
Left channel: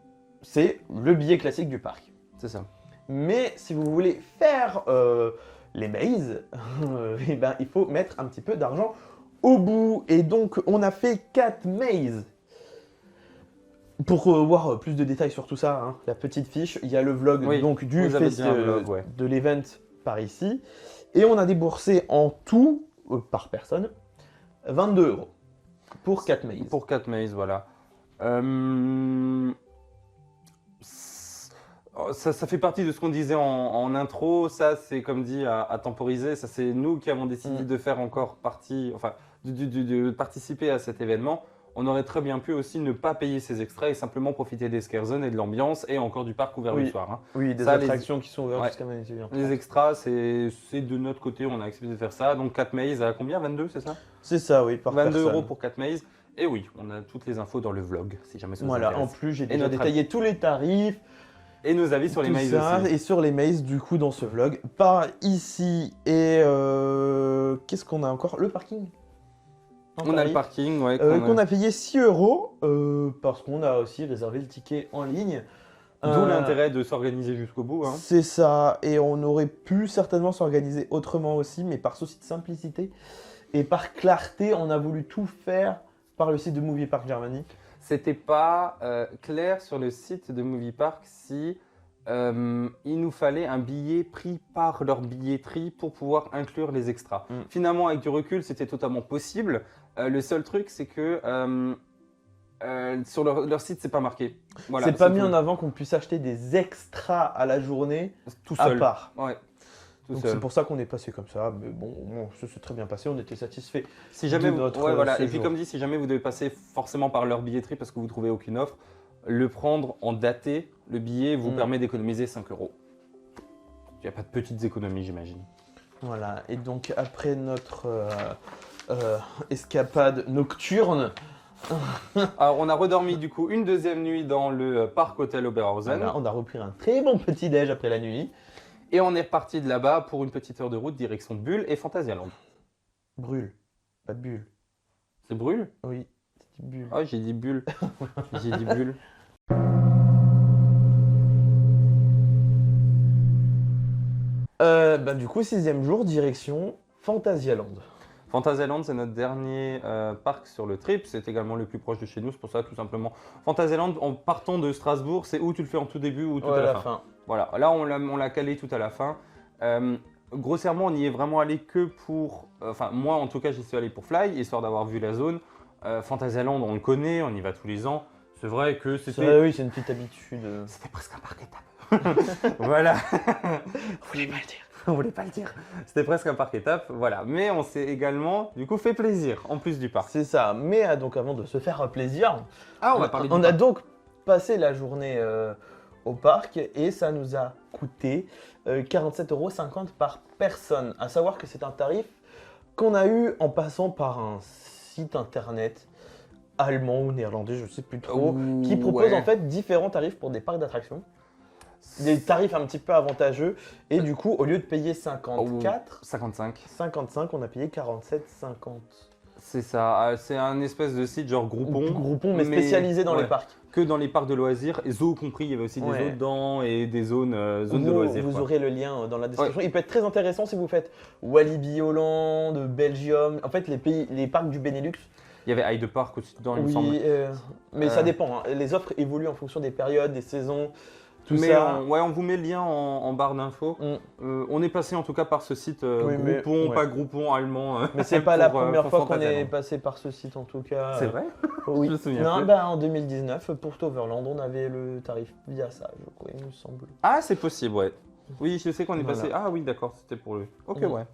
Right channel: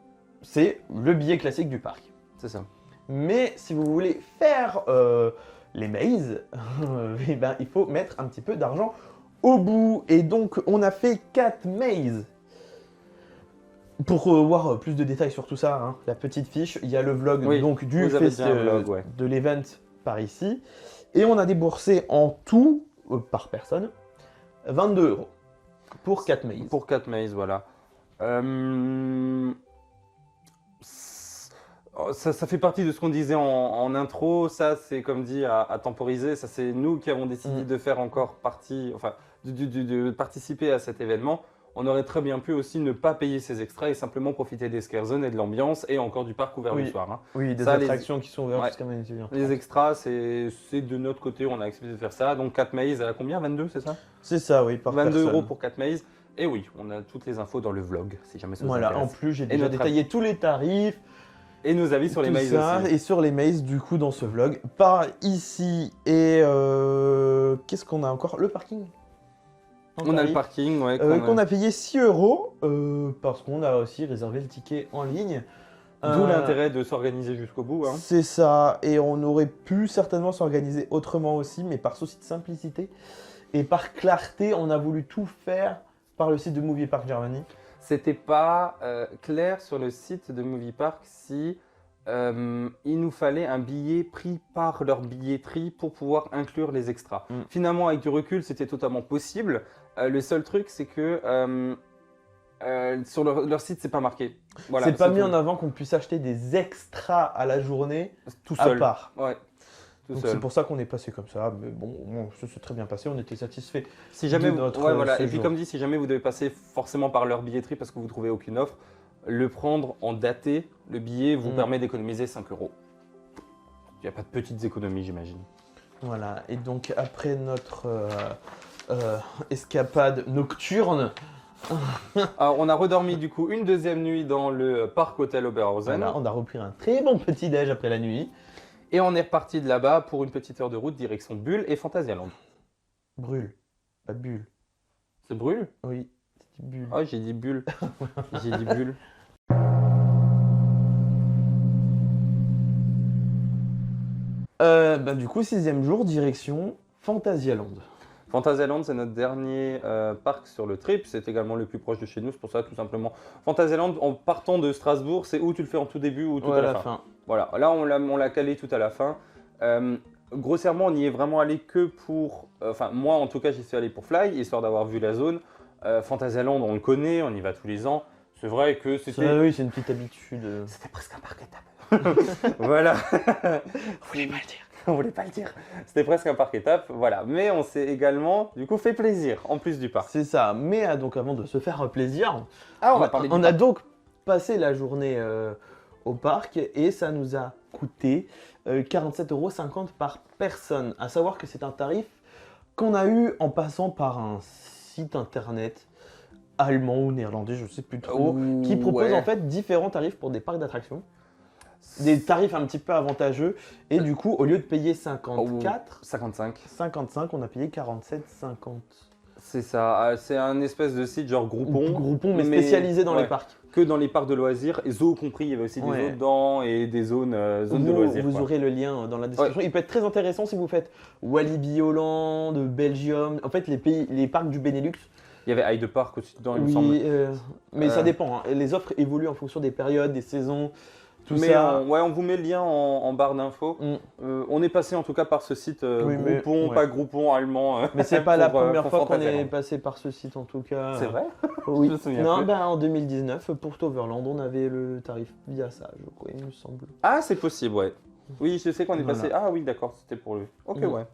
c'est le billet classique du parc. C'est ça. Mais si vous voulez faire les mazes, eh ben, il faut mettre un petit peu d'argent au bout. Et donc on a fait 4 mazes. Pour voir plus de détails sur tout ça, hein, la petite fiche, il y a le vlog Oui, donc, du vous avez déjà un vlog, ouais. de l'event par ici. Et on a déboursé en tout, par personne, 22 € pour 4 mazes. Pour 4 mazes, voilà. Ça fait partie de ce qu'on disait en intro. Ça, c'est comme dit à temporiser. Ça, c'est nous qui avons décidé de faire encore partie, enfin, de participer à cet événement. On aurait très bien pu aussi ne pas payer ces extras et simplement profiter des scare zones et de l'ambiance et encore du parc ouvert le soir. Hein. Oui, des ça, attractions qui sont ouvertes ouais. jusqu'à minuit. Les extras, c'est de notre côté, on a accepté de faire ça. Donc 4 mazes à combien? 22, c'est ça? C'est ça, oui. 22 € pour 4 mazes. Et oui, on a toutes les infos dans le vlog, si jamais ça vous Voilà, intéresse. en plus, j'ai Et notre détaillé tous les tarifs. Et nos avis sur les mazes Ça, aussi. Et sur les mazes, du coup, dans ce vlog. Par ici, et qu'est-ce qu'on a encore? Le parking. On a le parking, ouais. On a payé 6 € parce qu'on a aussi réservé le ticket en ligne. D'où l'intérêt de s'organiser jusqu'au bout. Hein. C'est ça, et on aurait pu certainement s'organiser autrement aussi, mais par souci de simplicité et par clarté, on a voulu tout faire par le site de Movie Park Germany. C'était pas clair sur le site de Movie Park si il nous fallait un billet pris par leur billetterie pour pouvoir inclure les extras. Finalement, avec du recul, c'était totalement possible. Le seul truc, c'est que sur leur site, c'est pas marqué. Voilà, c'est pas mis tout. en avant qu'on puisse acheter des extras à la journée. Tout seul. À part. Ouais, tout seul. C'est pour ça qu'on est passé comme ça, mais bon, ça s'est très bien passé, on était satisfait. Si jamais ouais, voilà. Et puis comme dit, si jamais vous devez passer forcément par leur billetterie parce que vous trouvez aucune offre, le prendre en daté, le billet vous permet d'économiser 5 €. Il n'y a pas de petites économies, j'imagine. Voilà, et donc après notre escapade nocturne, Alors, on a redormi du coup une deuxième nuit dans le parc hôtel Oberhausen. on a repris un très bon petit déj après la nuit. Et on est reparti de là-bas pour une petite heure de route direction Bulle et Phantasialand. Brûle, pas de bulle. C'est Brûle? Oui, bulle. Ah, j'ai dit Bulle. J'ai dit Bulle. Du coup, 6e jour, direction Phantasialand. Phantasialand, c'est notre dernier parc sur le trip. C'est également le plus proche de chez nous. C'est pour ça, tout simplement. Phantasialand, en partant de Strasbourg, c'est où tu le fais en tout début ou tout à la fin. Voilà, là, on l'a calé tout à la fin. Grossièrement, on y est vraiment allé que pour... Enfin, moi, en tout cas, j'y suis allé pour Fly, histoire d'avoir vu la zone. Phantasialand, on le connaît, on y va tous les ans. C'est vrai que c'était... Oui, c'est une petite habitude. C'était presque un parc étape. Voilà. On voulait pas le dire. C'était presque un parc étape, voilà. Mais on s'est également, du coup, fait plaisir, en plus du parc. C'est ça, mais donc avant de se faire plaisir, Ah, on va parler du on a parc. donc passé la journée au parc et ça nous a coûté 47,50 € par personne. À savoir que c'est un tarif qu'on a eu en passant par un site internet allemand ou néerlandais, je ne sais plus trop, qui propose en fait différents tarifs pour des parcs d'attractions. Des tarifs un petit peu avantageux et du coup au lieu de payer 54, 55, on a payé 47,50. C'est ça, c'est un espèce de site genre Groupon, mais spécialisé dans les parcs. Que dans les parcs de loisirs, et zoos compris, il y avait aussi des zoos dedans et des zones de loisirs. Vous quoi. aurez le lien dans la description. Il peut être très intéressant si vous faites Walibi Hollande, Belgium, en fait les parcs du Benelux. Il y avait Hyde Park aussi dedans, il me semble. Mais ça dépend, hein. Les offres évoluent en fonction des périodes, des saisons. Mais on vous met le lien en barre d'infos. On est passé en tout cas par ce site Groupon, pas Groupon allemand pour Phantasialand. On est passé par ce site en tout cas. C'est vrai? Oui. Je me souviens plus. En 2019, pour Toverland, on avait le tarif via ça, il me semble. Ah, c'est possible, ouais. Oui, je sais qu'on est passé. Ah oui, d'accord, c'était pour lui. Ok, ouais.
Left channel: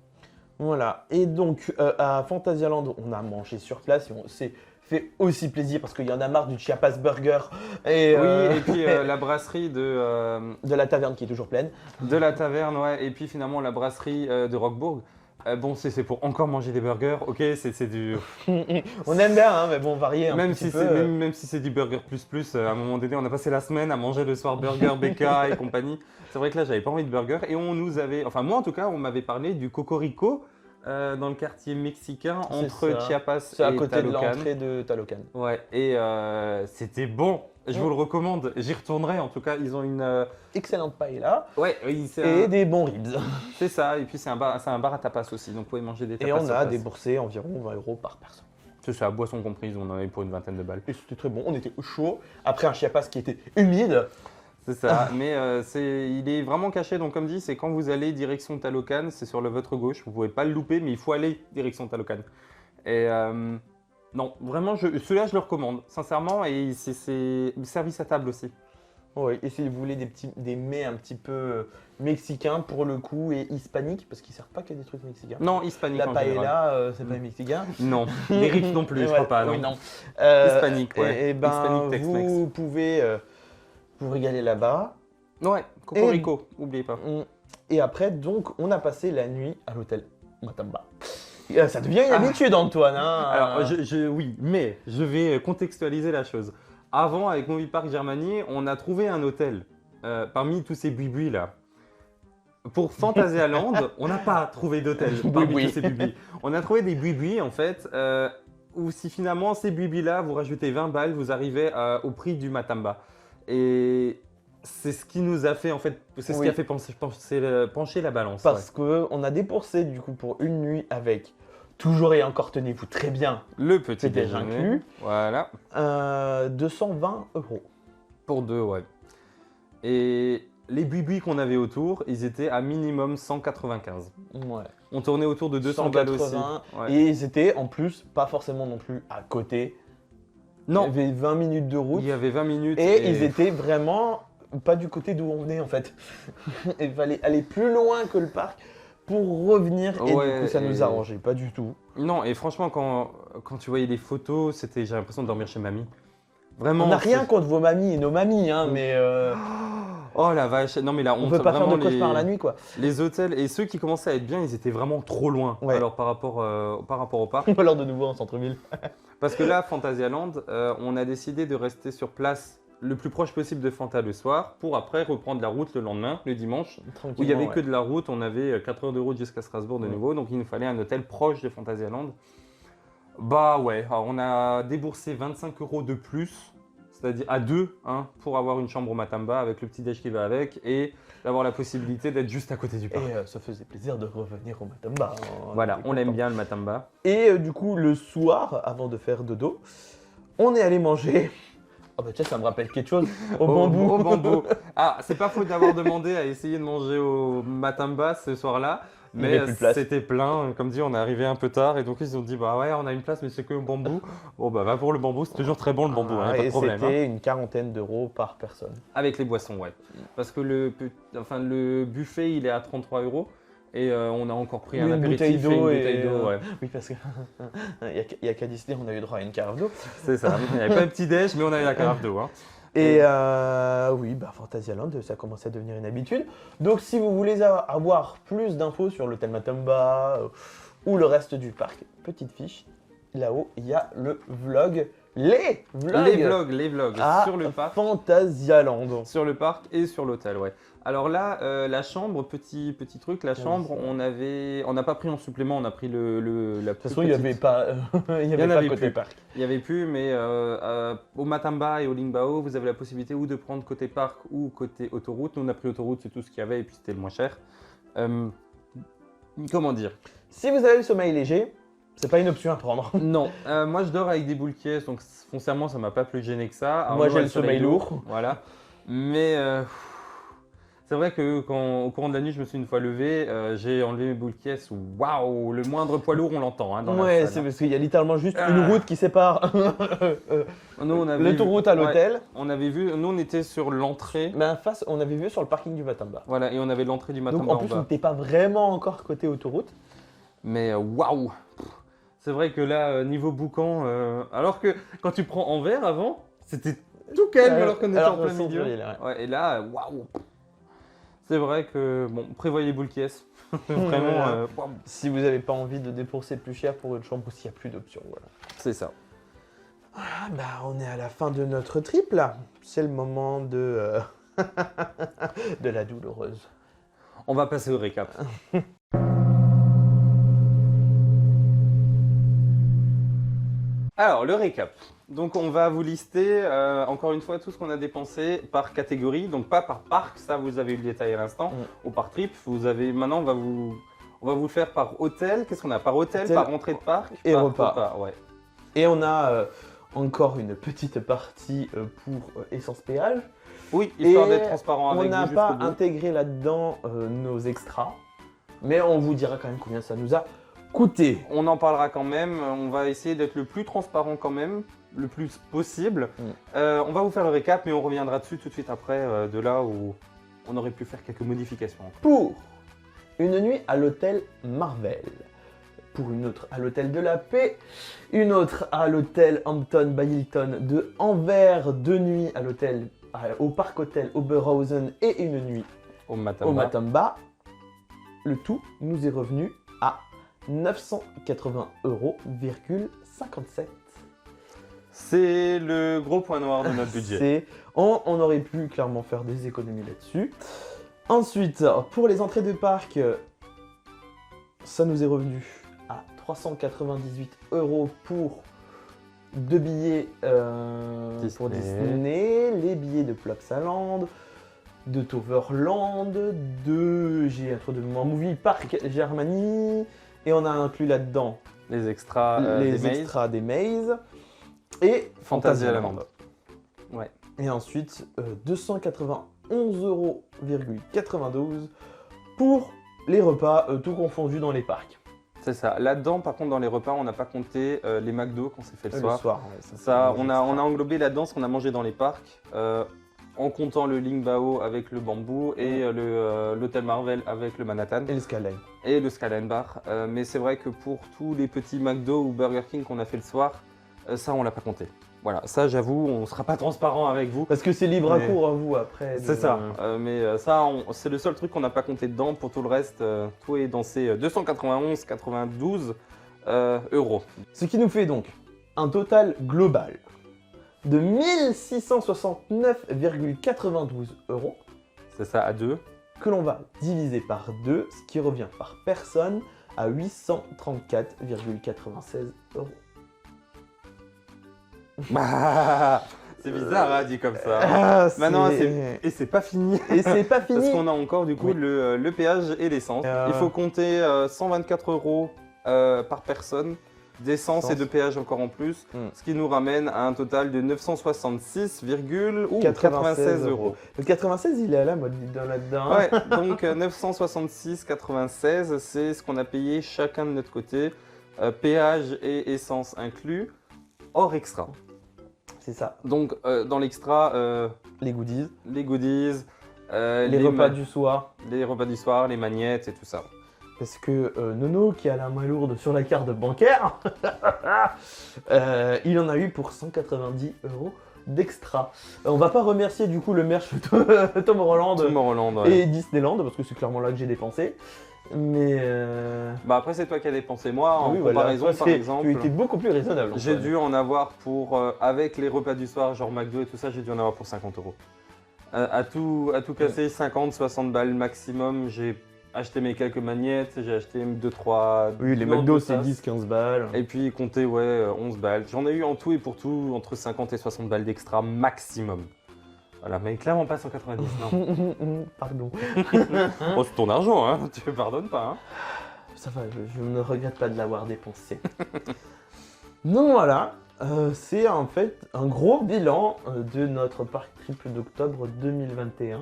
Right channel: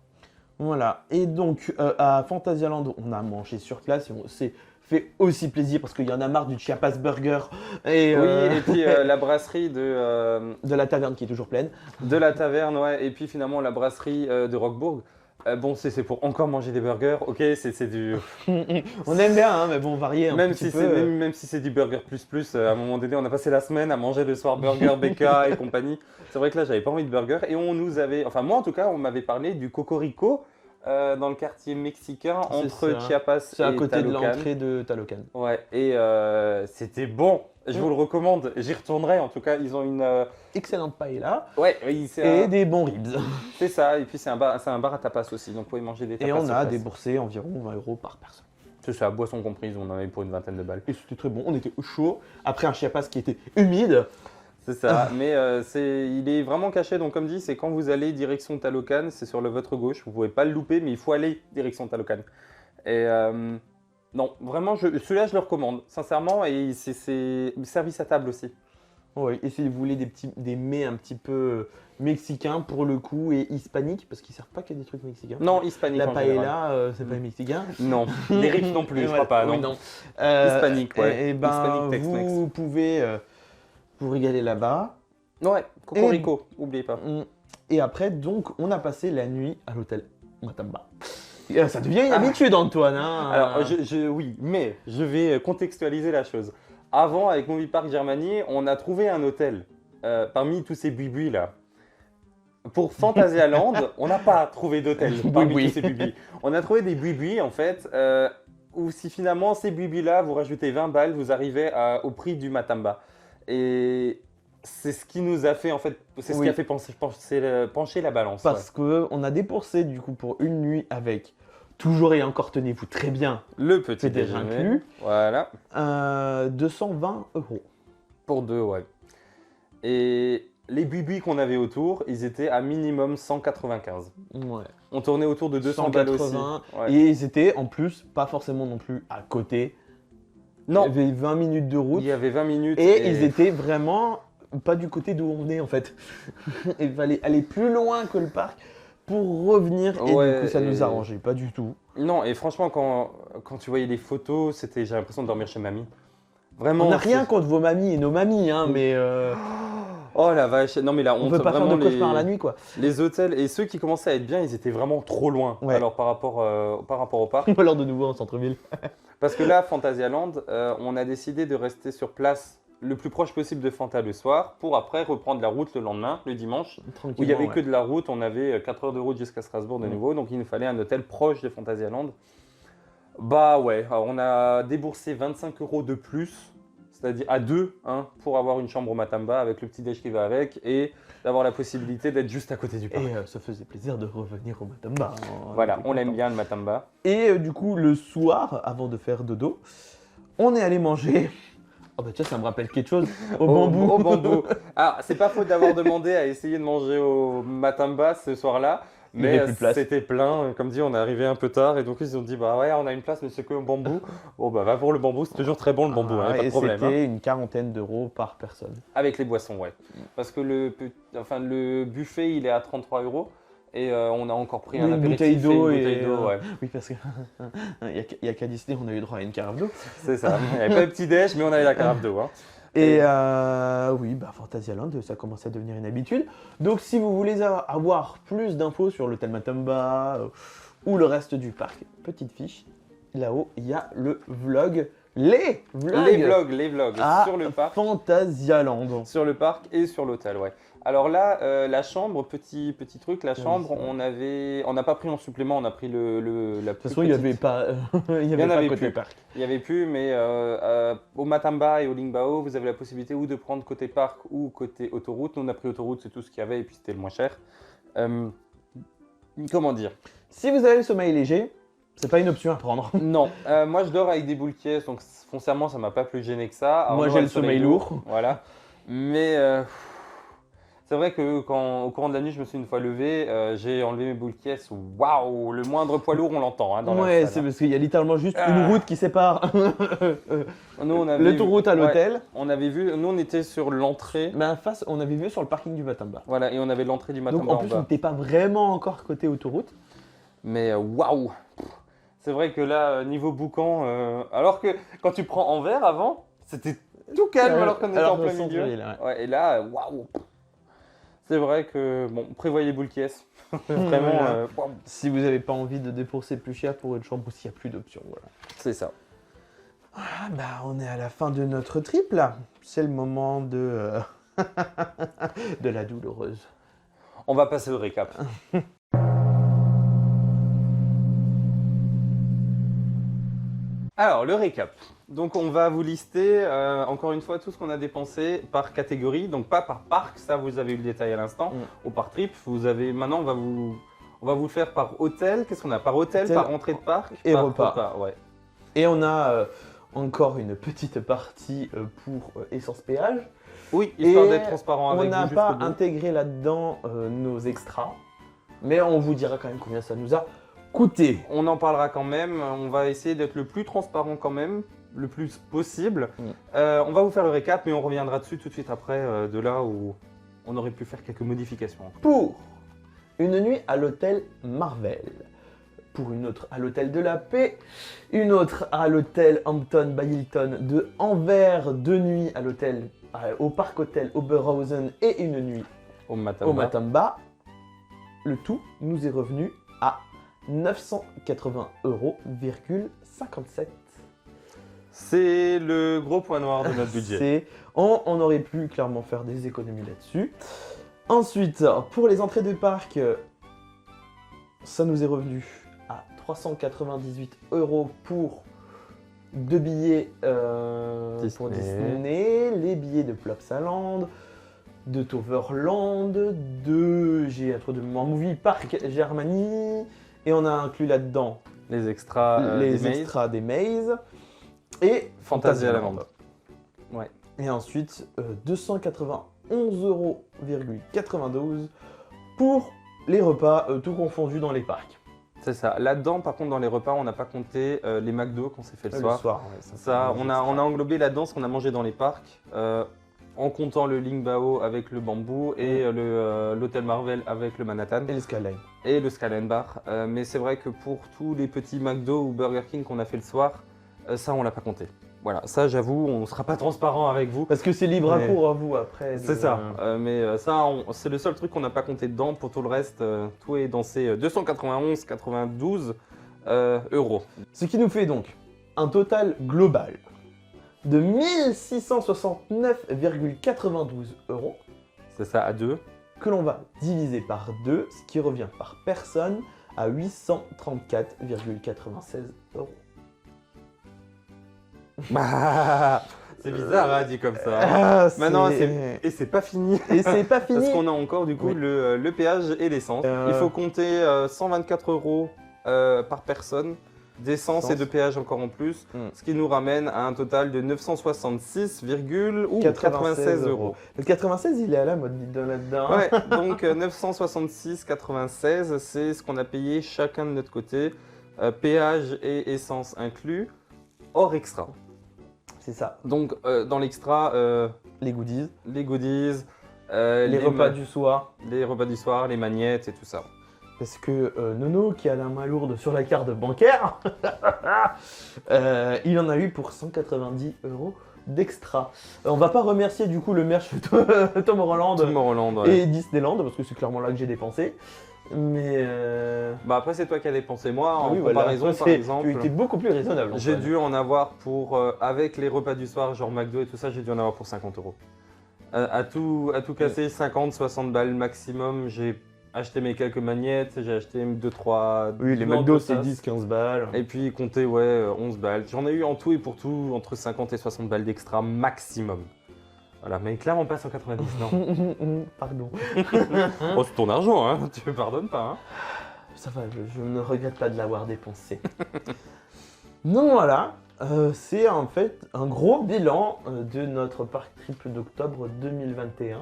Voilà, et donc à Phantasialand, on a mangé sur place et on s'est fait aussi plaisir parce qu'il y en a marre du Chiapas Burger. Oui, et puis la brasserie de la taverne qui est toujours pleine. De la taverne, ouais, et puis finalement la brasserie de Roquebourg. Bon, c'est pour encore manger des burgers, ok, c'est du... On aime bien, hein, mais bon, varier. Même si c'est du burger plus, à un moment donné, on a passé la semaine à manger le soir burger, BK et compagnie. C'est vrai que là, j'avais pas envie de burger et on nous avait... Enfin, moi en tout cas, on m'avait parlé du Cocorico dans le quartier mexicain entre ça. Chiapas C'est à et côté de Talocan. l'entrée de Talocan. Ouais, et c'était bon. Je vous le recommande. J'y retournerai. En tout cas, ils ont une. Excellente paella. Ouais, oui, Et des bons ribs. c'est ça. Et puis c'est un bar à tapas aussi. Donc vous pouvez manger des Et tapas on sur a place. déboursé environ 20 € par personne. C'est ça, boisson comprise. On en avait pour une vingtaine de balles. Et c'était très bon, on était chaud. Après un Chiapas qui était humide. C'est ça. Mais il est vraiment caché. Donc comme dit, c'est quand vous allez direction Talocan, c'est sur votre gauche. Vous pouvez pas le louper, mais il faut aller direction Talocan. Et non, vraiment, celui-là, je le recommande, sincèrement. Et c'est service à table aussi. Oui, et si vous voulez des mets un petit peu mexicains pour le coup et hispaniques, parce qu'ils ne servent pas que des trucs mexicains. Non, hispanique La en général. paella, c'est pas mexicain. Non, les rips non plus, je crois pas, non. Hispanique, ouais. Eh ben, Hispanique Tex-Mex. Vous pouvez vous régaler là-bas. Ouais, Cocorico, oubliez pas. Et après, donc, on a passé la nuit à l'hôtel Matamba. Et là, ça devient une habitude, Antoine. Hein. Alors, oui, mais je vais contextualiser la chose. Avant, avec Movie Park Germany, on a trouvé un hôtel parmi tous ces buis là. Pour Fantasyland, on n'a pas trouvé d'hôtel parmi tous ces buis. On a trouvé des buis en fait, où si finalement ces buis là, vous rajoutez 20 balles, vous arrivez au prix du Matamba. Et c'est ce qui nous a fait en fait, c'est ce qui a fait pencher la balance. Parce qu'on a dépensé du coup pour une nuit avec, toujours et encore tenez-vous très bien, le petit déjeuner, voilà. 220 €. Pour deux, ouais. Et les buis qu'on avait autour, ils étaient à minimum 195. Ouais. On tournait autour de 200 balles aussi. Ouais. Et c'était en plus, pas forcément non plus à côté. Non. Il y avait 20 minutes de route. Il y avait 20 minutes et... ils étaient vraiment pas du côté d'où on venait en fait. Il fallait aller plus loin que le parc pour revenir. Ouais. Et ça marchait pas du tout. Non, et franchement, quand tu voyais les photos, j'ai l'impression de dormir chez mamie. Vraiment, rien contre vos mamies et nos mamies, hein, mais. Oh la vache, non mais la honte, vraiment les hôtels et ceux qui commençaient à être bien, ils étaient vraiment trop loin. Ouais. Alors par rapport au parc. On peut leur de nouveau en centre-ville. Parce que là, Fantasyland, on a décidé de rester sur place le plus proche possible de Fanta le soir pour après reprendre la route le lendemain, le dimanche, où il n'y avait que de la route. On avait 4 heures de route jusqu'à Strasbourg de nouveau, donc il nous fallait un hôtel proche de Fantasyland. Bah ouais, alors on a déboursé 25 € de plus, c'est-à-dire à deux, hein, pour avoir une chambre au Matamba avec le petit-déj qui va avec et d'avoir la possibilité d'être juste à côté du parc. Et ça faisait plaisir de revenir au Matamba. Voilà, on l'aime bien le Matamba. Et du coup, le soir, avant de faire dodo, on est allé manger. Oh bah tiens, ça me rappelle quelque chose. Au bambou. Alors, c'est pas faute d'avoir demandé à essayer de manger au Matamba ce soir-là. Mais c'était plein, comme dit, on est arrivé un peu tard et donc ils ont dit bah ouais, on a une place, mais c'est que au bambou. Bon bah va pour le bambou, c'est toujours très bon le bambou, hein, pas de problème. Hein. Une quarantaine d'euros par personne. Avec les boissons, ouais. Parce que le buffet il est à 33 € et on a encore pris un apéritif et une bouteille d'eau, ouais. Oui, parce que il y a qu'à décider, on a eu droit à une carafe d'eau. C'est ça, il n'y avait pas de petit déj, mais on avait la carafe d'eau. Hein. Et oui, bah Fantasyland, ça commence à devenir une habitude. Donc si vous voulez avoir plus d'infos sur l'hôtel Matamba ou le reste du parc, petite fiche, là-haut, il y a le vlog, les vlogs sur le parc. Fantasyland. Sur le parc et sur l'hôtel, ouais. Alors là, la chambre, petit truc, la chambre, on n'a pas pris en supplément, on a pris la plus petite. Il y en avait plus. Il n'y avait plus, mais au Matamba et au Lingbao, vous avez la possibilité ou de prendre côté parc ou côté autoroute. Nous, on a pris autoroute, c'est tout ce qu'il y avait et puis c'était le moins cher. Comment dire? Si vous avez le sommeil léger, c'est pas une option à prendre. Non, moi je dors avec des boules caisses, donc foncièrement ça m'a pas plus gêné que ça. Arnaud a le soleil lourd, voilà. Mais c'est vrai que au courant de la nuit, je me suis une fois levé, j'ai enlevé mes boules caisses. Waouh, le moindre poids lourd, on l'entend hein, dans la salle. Hein. Parce qu'il y a littéralement juste une route qui sépare. Nous, on avait l'autoroute à l'hôtel. On avait vu, nous on était sur l'entrée. Mais face, on avait vu sur le parking du Matamba. Voilà, et on avait l'entrée du Matamba en bas. T'es pas vraiment encore côté autoroute. Mais waouh, c'est vrai que là, niveau boucan, alors que quand tu prends Anvers avant, c'était tout calme alors qu'on était en plein milieu. Ouais, et là, waouh. C'est vrai que, bon, prévoyez boules caisses. Vraiment, waouh. Si vous n'avez pas envie de dépenser plus cher pour une chambre ou s'il n'y a plus d'options. Voilà. C'est ça. Bah, on est à la fin de notre trip là. C'est le moment de la douloureuse. On va passer au récap. Alors, le récap. Donc, on va vous lister encore une fois tout ce qu'on a dépensé par catégorie, donc pas par parc, ça vous avez eu le détail à l'instant, ou par trip. Maintenant, on va vous le faire par hôtel. Qu'est-ce qu'on a? Par hôtel, par entrée de parc, Et par repas. repas, ouais. Et on a encore une petite partie pour essence péage. Oui, histoire Et d'être transparent avec vous jusqu'au On bout. a pas intégré là-dedans nos extras, mais on vous dira quand même combien ça nous a coûté. On en parlera quand même, on va essayer d'être le plus transparent quand même, le plus possible. On va vous faire le récap, mais on reviendra dessus tout de suite après, de là où on aurait pu faire quelques modifications. Pour une nuit à l'hôtel Marvel, pour une autre à l'hôtel de la Paix, une autre à l'hôtel Hampton by Hilton de Anvers, 2 nuits à l'hôtel au parc hôtel Oberhausen et une nuit Au au Matamba. Matamba. Le tout nous est revenu à 980,57 €. C'est le gros point noir de notre budget. On aurait pu clairement faire des économies là-dessus. Ensuite, pour les entrées de parc, ça nous est revenu à 398 € pour 2 billets pour Disney. Disney, les billets de Plopsaland, de Toverland, j'ai un trou de mémoire, Movie Park Germany, et on a inclus là-dedans Les extras les des maids. extras des Maze et Fantasyland. Ouais. Et ensuite, 291,92 € pour les repas, tout confondus dans les parcs. C'est ça. Là-dedans, par contre, dans les repas, on n'a pas compté les McDo qu'on s'est fait le soir. Ça, on a englobé là-dedans ce qu'on a mangé dans les parcs, en comptant le Lingbao avec le bambou et l'hôtel Marvel avec le Manhattan Et le Skyline. et le Skyline Bar. Mais c'est vrai que pour tous les petits McDo ou Burger King qu'on a fait le soir, ça, on l'a pas compté. Voilà, ça, j'avoue, on ne sera pas transparent avec vous. Parce que c'est libre Mais- pour vous après. C'est ça, mais ça, c'est le seul truc qu'on n'a pas compté dedans. Pour tout le reste, tout est dans ces 291,92 euros. Ce qui nous fait donc un total global de 1669,92 € C'est ça, à deux. que l'on va diviser par 2, ce qui revient par personne à 834,96 €. Bah, c'est bizarre, hein, dit comme ça. Ah, Maintenant, c'est- et c'est pas fini. Et c'est pas fini. Parce qu'on a encore du coup le péage et l'essence. Il faut compter 124 € par personne d'essence et de péage encore en plus, ce qui nous ramène à un total de 966,96 €. Le 96, il est à la mode là-dedans. Ouais, donc 966,96, c'est ce qu'on a payé chacun de notre côté, péage et essence inclus, hors extra. C'est ça. Donc dans l'extra, Les goodies. les goodies, Les repas du soir. les repas du soir, les magnettes et tout ça. Parce que Nono, qui a la main lourde sur la carte bancaire, il en a eu pour 190 € d'extra. On va pas remercier du coup le merch de Tom Holland Tomorrowland, ouais. et Disneyland, parce que c'est clairement là que j'ai dépensé. Mais Bah après c'est toi qui as dépensé, moi en comparaison Parce par que exemple, tu étais beaucoup plus raisonnable. j'ai dû en avoir pour, avec les repas du soir, genre McDo et tout ça, j'ai dû en avoir pour 50 €. À tout casser, 50-60 balles maximum, j'ai acheté mes quelques magnettes, j'ai acheté 2-3 Oui, les deux McDo, c'est tasses. 10-15 balles. Et puis compter, ouais, 11 balles. J'en ai eu en tout et pour tout entre 50 et 60 balles d'extra maximum. Voilà, mais clairement pas 190, non. Pardon. Oh, c'est ton argent, hein, tu me pardonnes pas, hein. Ouais, je ne regrette pas de l'avoir dépensé. Donc voilà, c'est en fait un gros bilan de notre parc trip d'octobre 2021.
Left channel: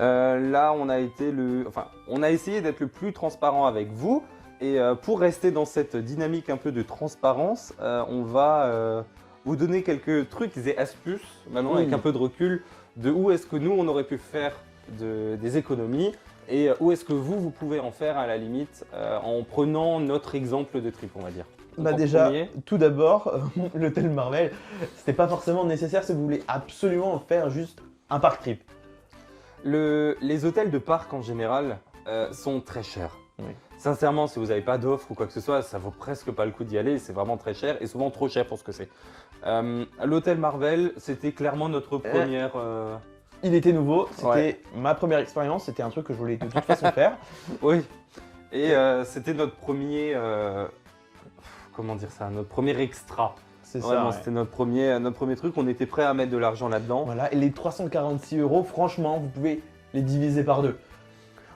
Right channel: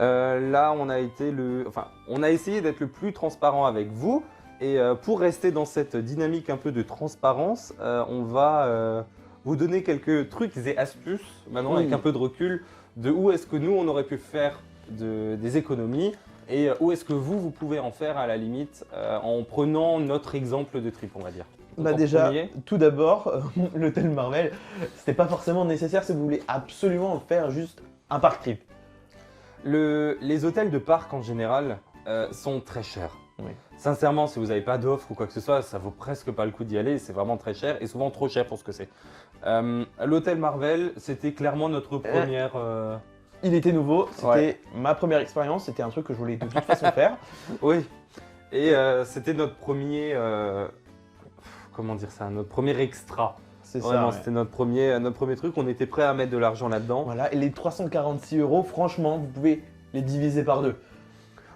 Là, on a essayé d'être le plus transparent avec vous. Et pour rester dans cette dynamique un peu de transparence, on va vous donner quelques trucs et astuces, maintenant avec un peu de recul, de où est-ce que nous, on aurait pu faire des économies et où est-ce que vous pouvez en faire à la limite en prenant notre exemple de trip, on va dire. Donc Bah, en déjà, premier, tout d'abord, l'hôtel Marvel, c'était pas forcément nécessaire si vous voulez absolument faire juste un parc trip. les hôtels de parc en général sont très chers. Sincèrement, si vous n'avez pas d'offre ou quoi que ce soit, ça vaut presque pas le coup d'y aller. C'est vraiment très cher et souvent trop cher pour ce que c'est. L'hôtel Marvel, c'était clairement notre première. Il était nouveau, c'était Ouais. ma première expérience, c'était un truc que je voulais de toute façon faire. Oui. Et c'était notre premier. Comment dire ça? Notre premier extra. C'est Vraiment, ça. c'était notre premier truc. On était prêt à mettre de l'argent là-dedans. Voilà, et les 346 euros, franchement, vous pouvez les diviser par deux.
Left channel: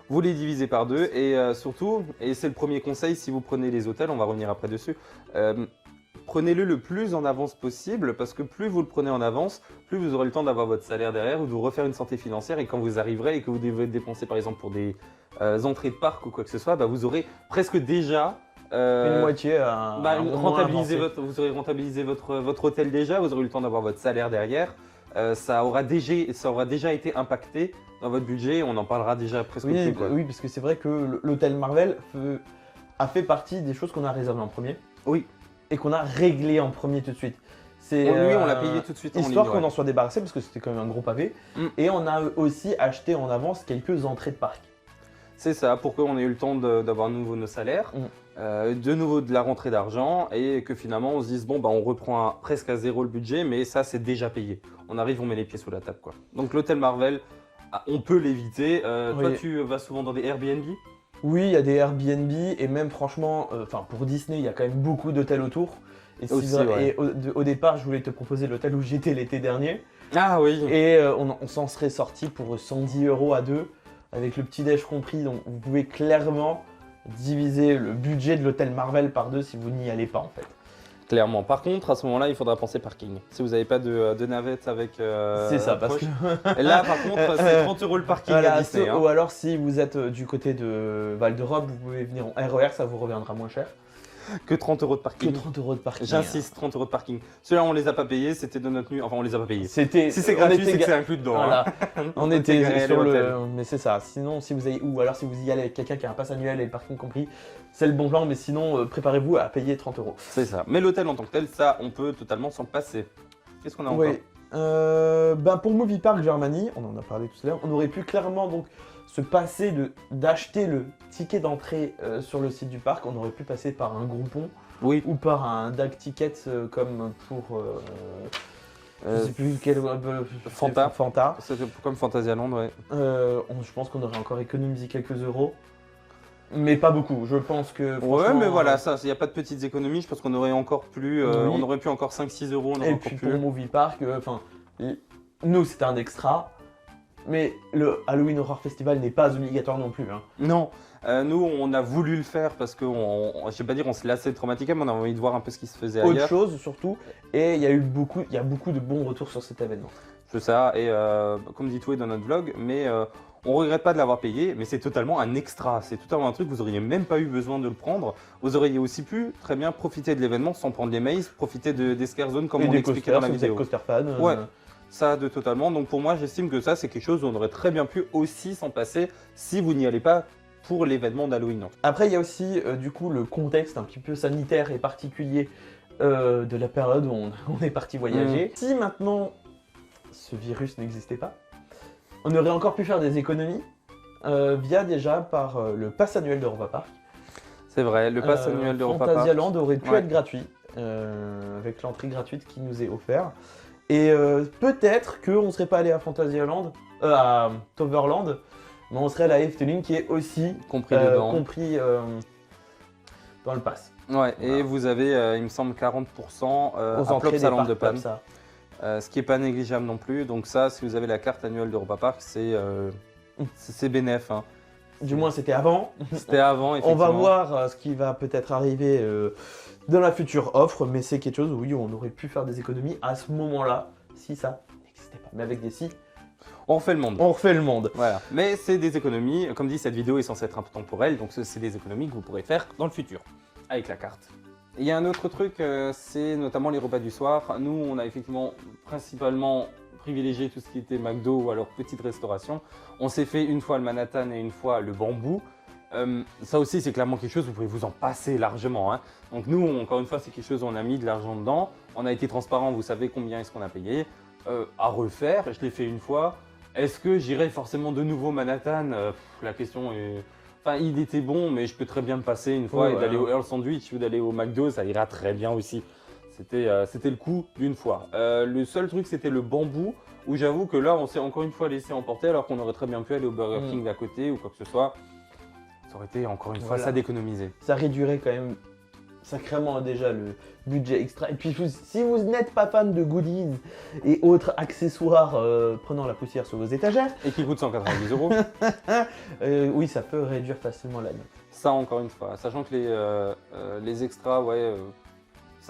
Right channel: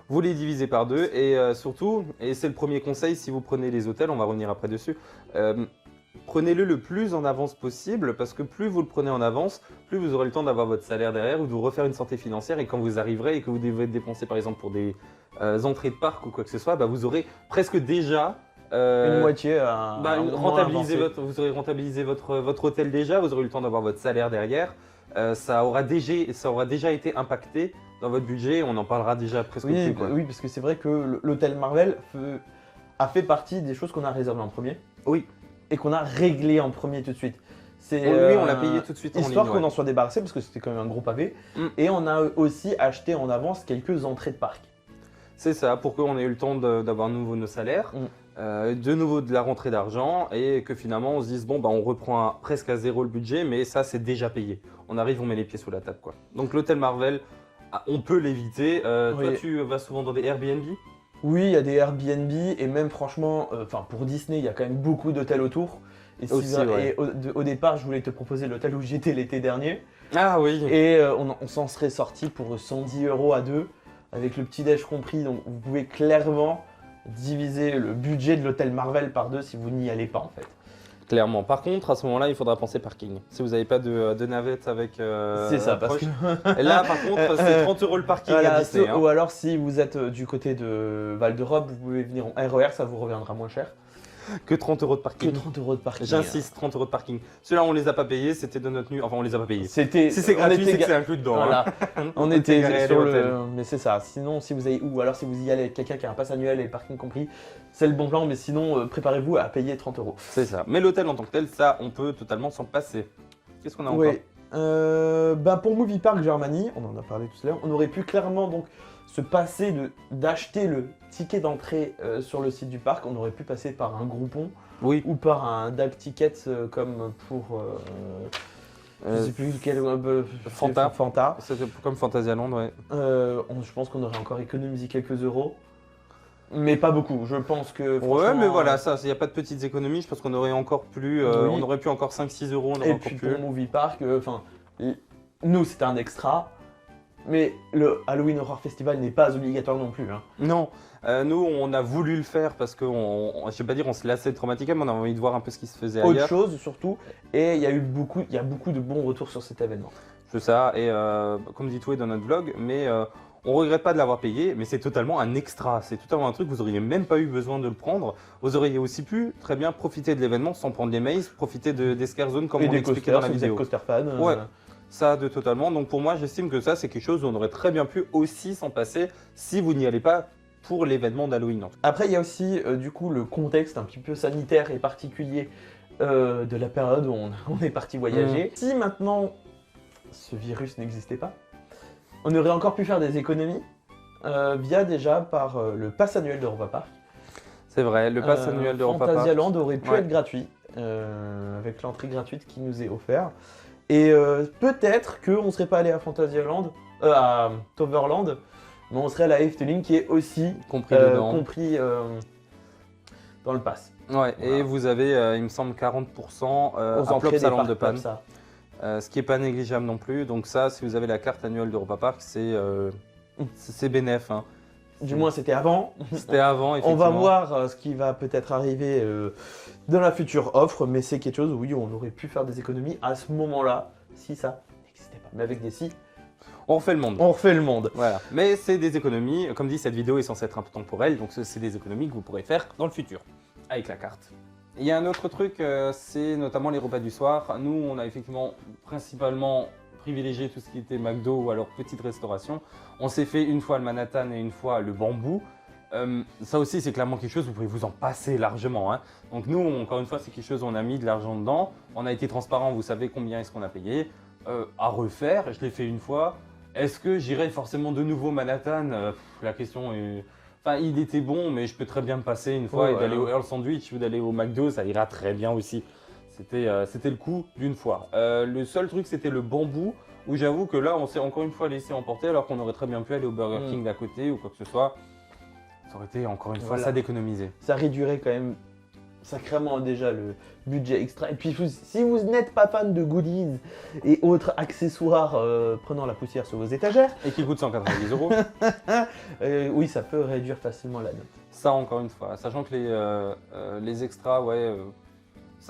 Vous les divisez par deux et surtout, et c'est le premier conseil si vous prenez les hôtels, on va revenir après dessus, prenez-le le plus en avance possible parce que plus vous le prenez en avance, plus vous aurez le temps d'avoir votre salaire derrière ou de vous refaire une santé financière et quand vous arriverez et que vous devez dépenser par exemple pour des entrées de parc ou quoi que ce soit, bah, vous aurez presque déjà Moitié à rentabilisé vous aurez rentabilisé votre hôtel déjà, vous aurez eu le temps d'avoir votre salaire derrière. Ça aura déjà été impacté dans votre budget, on en parlera déjà presque oui, plus quoi. Oui, parce que c'est vrai que l'hôtel Marvel a fait partie des choses qu'on a réservées en premier. Oui. Et qu'on a réglé en premier tout de suite. Lui, on l'a payé tout de suite en ligne. Ouais. On en soit débarrassé parce que c'était quand même un gros pavé. Mm. Et on a aussi acheté en avance quelques entrées de parc. C'est ça, pour qu'on ait eu le temps d'avoir de nouveau nos salaires, de nouveau de la rentrée d'argent et que finalement on se dise bon bah on reprend presque à zéro le budget mais ça c'est déjà payé. On arrive, on met les pieds sous la table quoi. Donc l'hôtel Marvel, on peut l'éviter. Toi tu vas souvent dans des Airbnb? Oui, il y a des Airbnb et même franchement, pour Disney, il y a quand même beaucoup d'hôtels autour. Et aussi, ouais. Au départ, je voulais te proposer l'hôtel où j'étais l'été dernier. Ah oui. Et on s'en serait sorti pour 110 euros à deux, avec le petit-déj compris. Donc vous pouvez clairement diviser le budget de l'hôtel Marvel par deux si vous n'y allez pas en fait. Clairement. Par contre, à ce moment-là, il faudra penser parking. Si vous n'avez pas de navette avec approche. Et là, par contre, c'est 30 euros le parking à Disney. Ou alors, si vous êtes du côté de Val d'Europe, vous pouvez venir en RER, ça vous reviendra moins cher. Que 30 euros de parking. 30 euros de parking. J'insiste, 30 euros de parking. Ceux-là, on les a pas payés, c'était de notre nuit. Enfin, on les a pas payés. Si c'est gratuit, c'est que c'est inclus dedans. Voilà. Hein. On était garés à l'hôtel. C'est ça. Sinon, si vous avez, ou alors si vous y allez avec quelqu'un qui a un pass annuel et le parking compris, c'est le bon plan, mais sinon, préparez-vous à payer 30 euros. C'est ça. Mais l'hôtel en tant que tel, ça, on peut totalement s'en passer. Qu'est-ce qu'on a encore? Pour Movie Park Germany, on en a parlé tout à l'heure, on aurait pu clairement donc se passer d'acheter le ticket d'entrée sur le site du parc. On aurait pu passer par un Groupon oui. ou par un DAG Tickets comme pour je sais plus quel Fanta. C'était comme Fantasyland, ouais. Je pense qu'on aurait encore économisé quelques euros. Mais pas beaucoup, je pense que... Ouais, mais voilà, ça, il n'y a pas de petites économies, je pense qu'on aurait encore plus, on aurait pu encore 5-6 euros, on aurait encore pu. Pour Movie Park, nous c'était un extra, mais le Halloween Horror Festival n'est pas obligatoire non plus. Hein. Non, nous on a voulu le faire parce que, je sais pas dire on se lassait de Traumatica, mais on a envie de voir un peu ce qui se faisait ailleurs. Autre chose surtout, et il y a beaucoup de bons retours sur cet événement. C'est ça, et comme dit Toué dans notre vlog, mais on regrette pas de l'avoir payé, mais c'est totalement un extra, c'est totalement un truc, vous auriez même pas eu besoin de le prendre. Vous auriez aussi pu très bien profiter de l'événement sans prendre les mails, profiter des scare zones comme on l'expliquait dans la vidéo. Ouais, ça de totalement, donc pour moi j'estime que ça c'est quelque chose où on aurait très bien pu aussi s'en passer si vous n'y allez pas pour l'événement d'Halloween. Après il y a aussi du coup le contexte un petit peu sanitaire et particulier de la période où on est parti voyager. Si maintenant ce virus n'existait pas, on aurait encore pu faire des économies via déjà par le pass annuel d'Europa Park. C'est vrai, le pass annuel d'Europa Park. Fantasyland aurait pu être gratuit, avec l'entrée gratuite qui nous est offerte. Et peut-être qu'on ne serait pas allé à Fantasyland, à Toverland, mais on serait allé à Efteling qui est aussi compris dedans. Compris dans le pass. Ouais, et vous avez, il me semble, 40% à Plopsaland de Panne. Ce qui n'est pas négligeable non plus. Donc ça, si vous avez la carte annuelle d'Europa Park, c'est bénéf. Hein. Du moins, c'était avant. C'était avant, effectivement. On va voir ce qui va peut-être arriver dans la future offre, mais c'est quelque chose où oui, on aurait pu faire des économies à ce moment-là, si ça. Mais avec des si. On refait le monde. On refait le monde. Voilà. Mais c'est des économies. Comme dit, cette vidéo est censée être un peu temporelle, donc c'est des économies que vous pourrez faire dans le futur, avec la carte. Il y a un autre truc, c'est notamment les repas du soir. Nous, on a effectivement principalement privilégié tout ce qui était McDo ou alors petite restauration. On s'est fait une fois le Manhattan et une fois le Bambou. Ça aussi, c'est clairement quelque chose, vous pouvez vous en passer largement. Hein. Donc nous, encore une fois, c'est quelque chose où on a mis de l'argent dedans. On a été transparent, vous savez combien est-ce qu'on a payé. À refaire, je l'ai fait une fois. Est-ce que j'irai forcément de nouveau Manhattan? La question est... Enfin, il était bon, mais je peux très bien me passer une fois et d'aller au Earl Sandwich ou d'aller au McDo, ça ira très bien aussi. C'était le coup d'une fois. Le seul truc, c'était le Bambou, où j'avoue que là, on s'est encore une fois laissé emporter, alors qu'on aurait très bien pu aller au Burger King d'à côté ou quoi que ce soit. Ça aurait été encore une fois ça d'économiser. Ça réduirait quand même sacrément déjà budget extra. Et puis si vous n'êtes pas fan de goodies et autres accessoires prenant la poussière sur vos étagères, Et qui coûte 190 euros. oui, ça peut réduire facilement la note. Ça, encore une fois, sachant que les extras, ouais,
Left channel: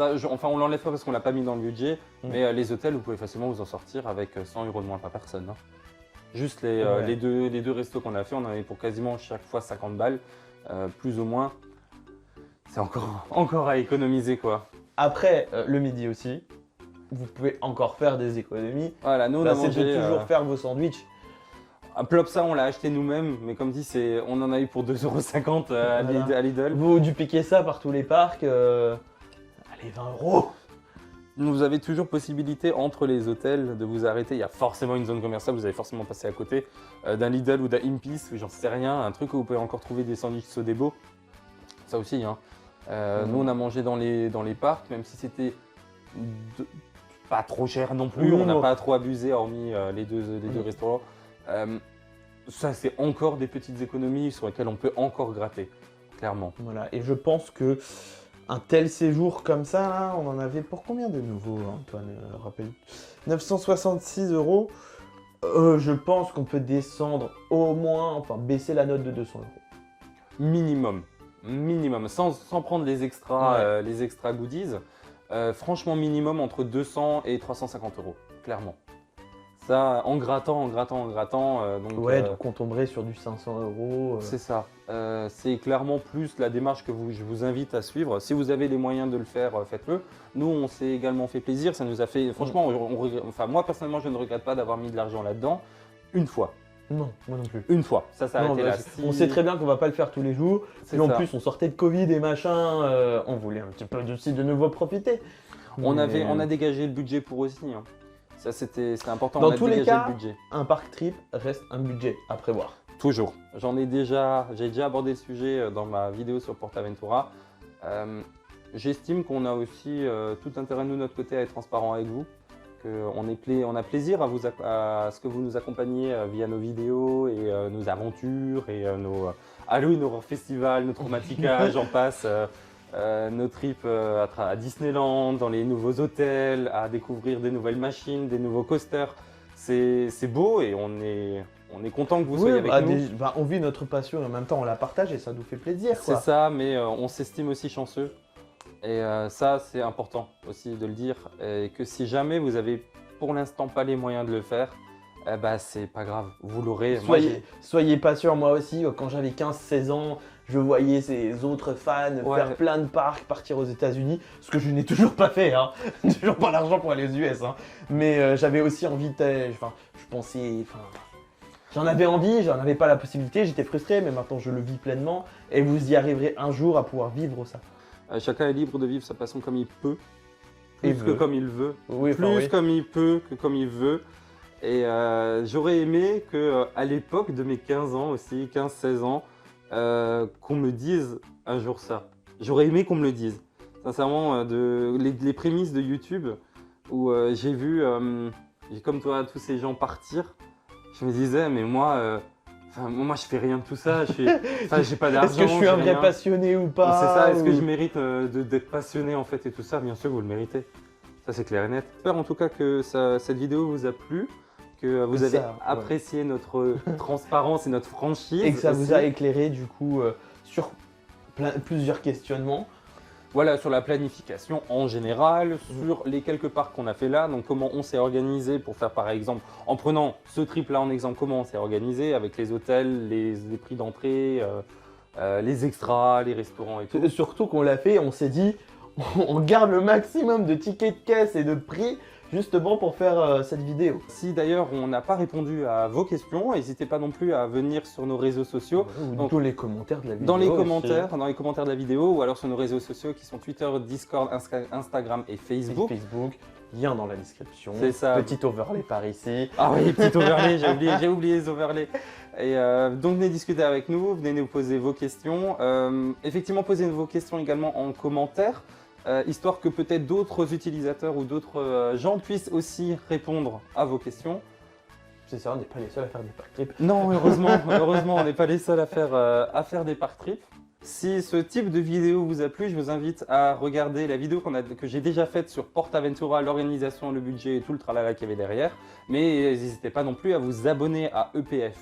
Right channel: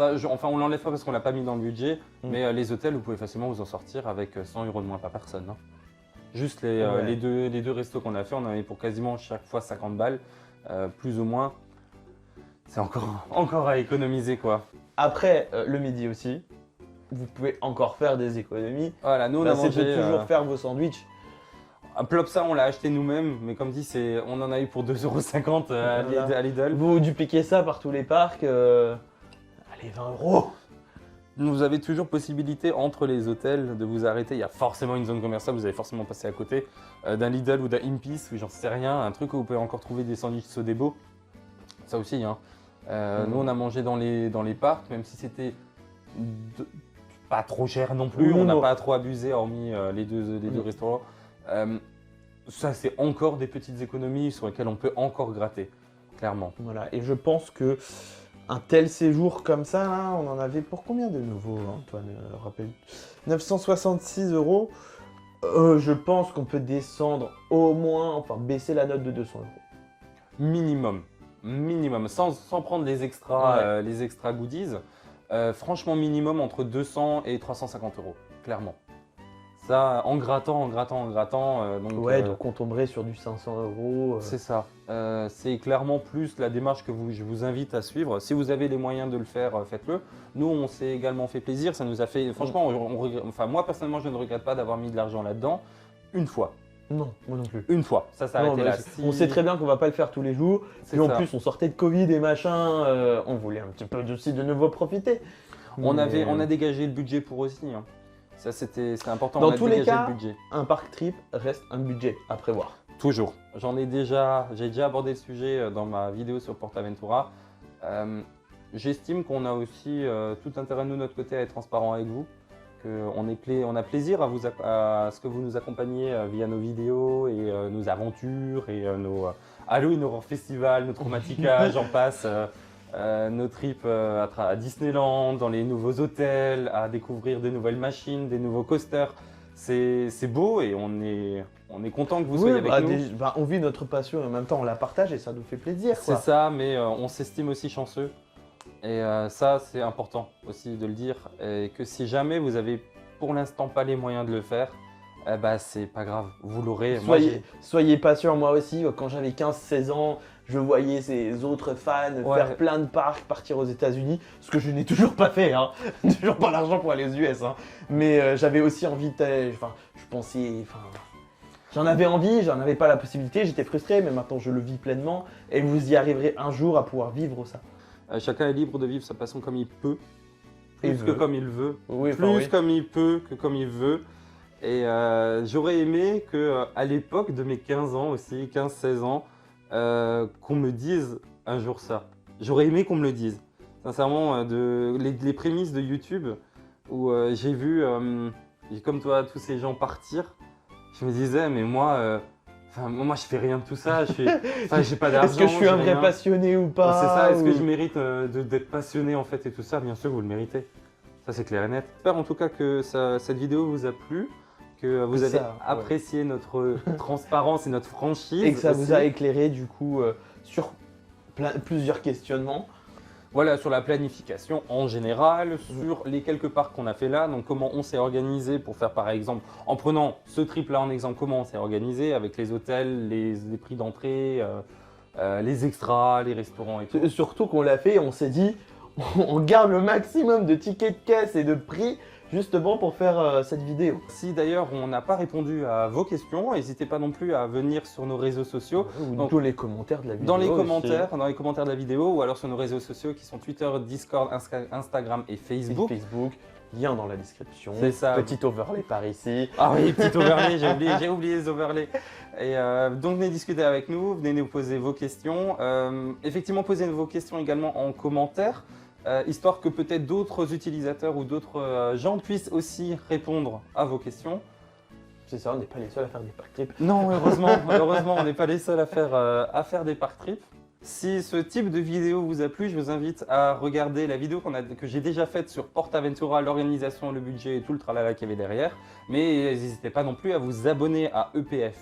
enfin, on l'enlève pas parce qu'on l'a pas mis dans le budget, mais les hôtels, vous pouvez facilement vous en sortir avec 100 euros de moins par personne, hein. Juste les deux restos qu'on a fait, on en avait pour quasiment chaque fois 50 balles, plus ou moins. C'est encore à économiser, quoi. Après, le midi aussi, vous pouvez encore faire des économies. Voilà, nous on a mangé. Faire vos sandwichs. Un Plopsa, on l'a acheté nous-mêmes, mais comme dit, on en a eu pour 2,50 € à Lidl. Vous dupliquez ça par tous les parcs, allez, 20 €. Vous avez toujours possibilité entre les hôtels de vous arrêter. Il y a forcément une zone commerciale, vous allez forcément passer à côté d'un Lidl ou d'un Impis, ou j'en sais rien, un truc où vous pouvez encore trouver des sandwichs Sodebo. Ça aussi, hein. Nous on a mangé dans les parcs, même si c'était pas trop cher non plus, on n'a pas trop abusé hormis les deux restaurants. Ça c'est encore des petites économies sur lesquelles on peut encore gratter, clairement. Voilà, et je pense que un tel séjour comme ça, là, on en avait pour combien de euros, hein, 966 €. Je pense qu'on peut descendre au moins, enfin baisser la note de 200 €. Minimum, sans prendre les extra goodies. Franchement, minimum entre 200 et 350 €, clairement. Ça, en grattant, donc. Ouais, on tomberait sur du 500 €. C'est ça. C'est clairement plus la démarche que je vous invite à suivre. Si vous avez les moyens de le faire, faites-le. Nous, on s'est également fait plaisir. Ça nous a fait, franchement, enfin moi personnellement, je ne regrette pas d'avoir mis de l'argent là-dedans une fois. Non, moi non plus. Une fois, ça s'est arrêté là. On sait très bien qu'on va pas le faire tous les jours. C'est Puis ça. en plus, on sortait de Covid et machin, on voulait un petit peu aussi de nouveau profiter. On a dégagé le budget pour aussi, hein. Ça, c'était important, on a dégagé le budget. Un parc trip reste un budget à prévoir. Toujours. J'ai déjà abordé le sujet dans ma vidéo sur PortAventura. J'estime qu'on a aussi tout intérêt, nous, de notre côté, à être transparent avec vous. On a plaisir à ce que vous nous accompagniez via nos vidéos et nos aventures et nos Halloween Horror Festival, nos Traumatica, j'en passe. Nos trips à Disneyland, dans les nouveaux hôtels, à découvrir des nouvelles machines, des nouveaux coasters. C'est beau et on est content que vous soyez avec nous. On vit notre passion et en même temps on la partage et ça nous fait plaisir. C'est ça, mais on s'estime aussi chanceux. Et ça, c'est important aussi de le dire. Et que si jamais vous avez pour l'instant pas les moyens de le faire, c'est pas grave, vous l'aurez. Soyez patient, moi aussi, quand j'avais 15-16 ans, je voyais ces autres fans faire plein de parcs, partir aux États-Unis, ce que je n'ai toujours pas fait, hein. J'ai toujours pas l'argent pour aller aux US, hein. Mais j'avais aussi envie de. Je pensais. J'en avais envie, j'en avais pas la possibilité, j'étais frustré, mais maintenant je le vis pleinement et vous y arriverez un jour à pouvoir vivre ça. Chacun est libre de vivre sa passion comme il peut, plus que comme il veut, oui, plus comme il peut que comme il veut. Et j'aurais aimé qu'à l'époque de mes 15 ans aussi, 15-16 ans, qu'on me dise un jour ça. J'aurais aimé qu'on me le dise. Sincèrement, les prémices de YouTube où j'ai vu, comme toi, tous ces gens partir, je me disais, mais moi, je fais rien de tout ça. J'ai pas d'argent, j'ai rien. Passionné ou pas, c'est ça, est-ce que je mérite d'être passionné en fait et tout ça? Bien sûr, vous le méritez. Ça, c'est clair et net. J'espère en tout cas que cette vidéo vous a plu, que vous avez apprécié notre transparence et notre franchise et aussi. Ça vous a éclairé du coup sur plusieurs questionnements. Voilà, sur la planification en général, sur les quelques parcs qu'on a fait là, donc comment on s'est organisé pour faire par exemple, en prenant ce trip là en exemple, comment on s'est organisé avec les hôtels, les prix d'entrée, les extras, les restaurants et tout. Et surtout qu'on l'a fait, on s'est dit, on garde le maximum de tickets de caisse et de prix justement pour faire cette vidéo. Si d'ailleurs on n'a pas répondu à vos questions, n'hésitez pas non plus à venir sur nos réseaux sociaux. Donc, les commentaires de la vidéo, dans les commentaires de la vidéo ou alors sur nos réseaux sociaux qui sont Twitter, Discord, Instagram et Facebook. Lien dans la description. C'est ça. Petit overlay par ici. Ah oui, petit overlay, j'ai oublié les overlays. Et donc venez discuter avec nous, venez nous poser vos questions. Effectivement, posez vos questions également en commentaire. Histoire que peut-être d'autres utilisateurs ou d'autres gens puissent aussi répondre à vos questions. C'est ça, on n'est pas les seuls à faire des park trips. Non, heureusement, on n'est pas les seuls à faire des park trips. Si ce type de vidéo vous a plu, je vous invite à regarder la vidéo que j'ai déjà faite sur PortAventura, l'organisation, le budget et tout le tralala qu'il y avait derrière. Mais n'hésitez pas non plus à vous abonner à EPF+,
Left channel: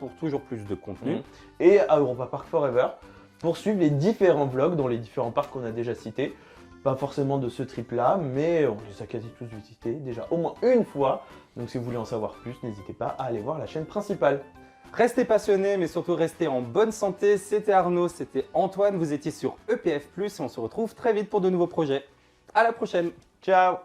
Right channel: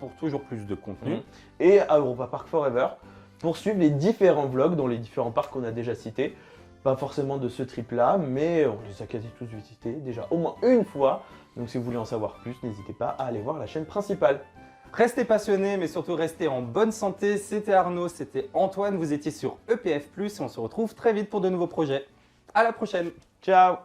pour toujours plus de contenu. Et à Europa Park Forever pour suivre les différents vlogs dans les différents parcs qu'on a déjà cités. Pas forcément de ce trip-là, mais on les a quasi tous visités déjà au moins une fois. Donc si vous voulez en savoir plus, n'hésitez pas à aller voir la chaîne principale. Restez passionnés, mais surtout restez en bonne santé. C'était Arnaud, c'était Antoine, vous étiez sur EPF+, et on se retrouve très vite pour de nouveaux projets. À la prochaine. Ciao.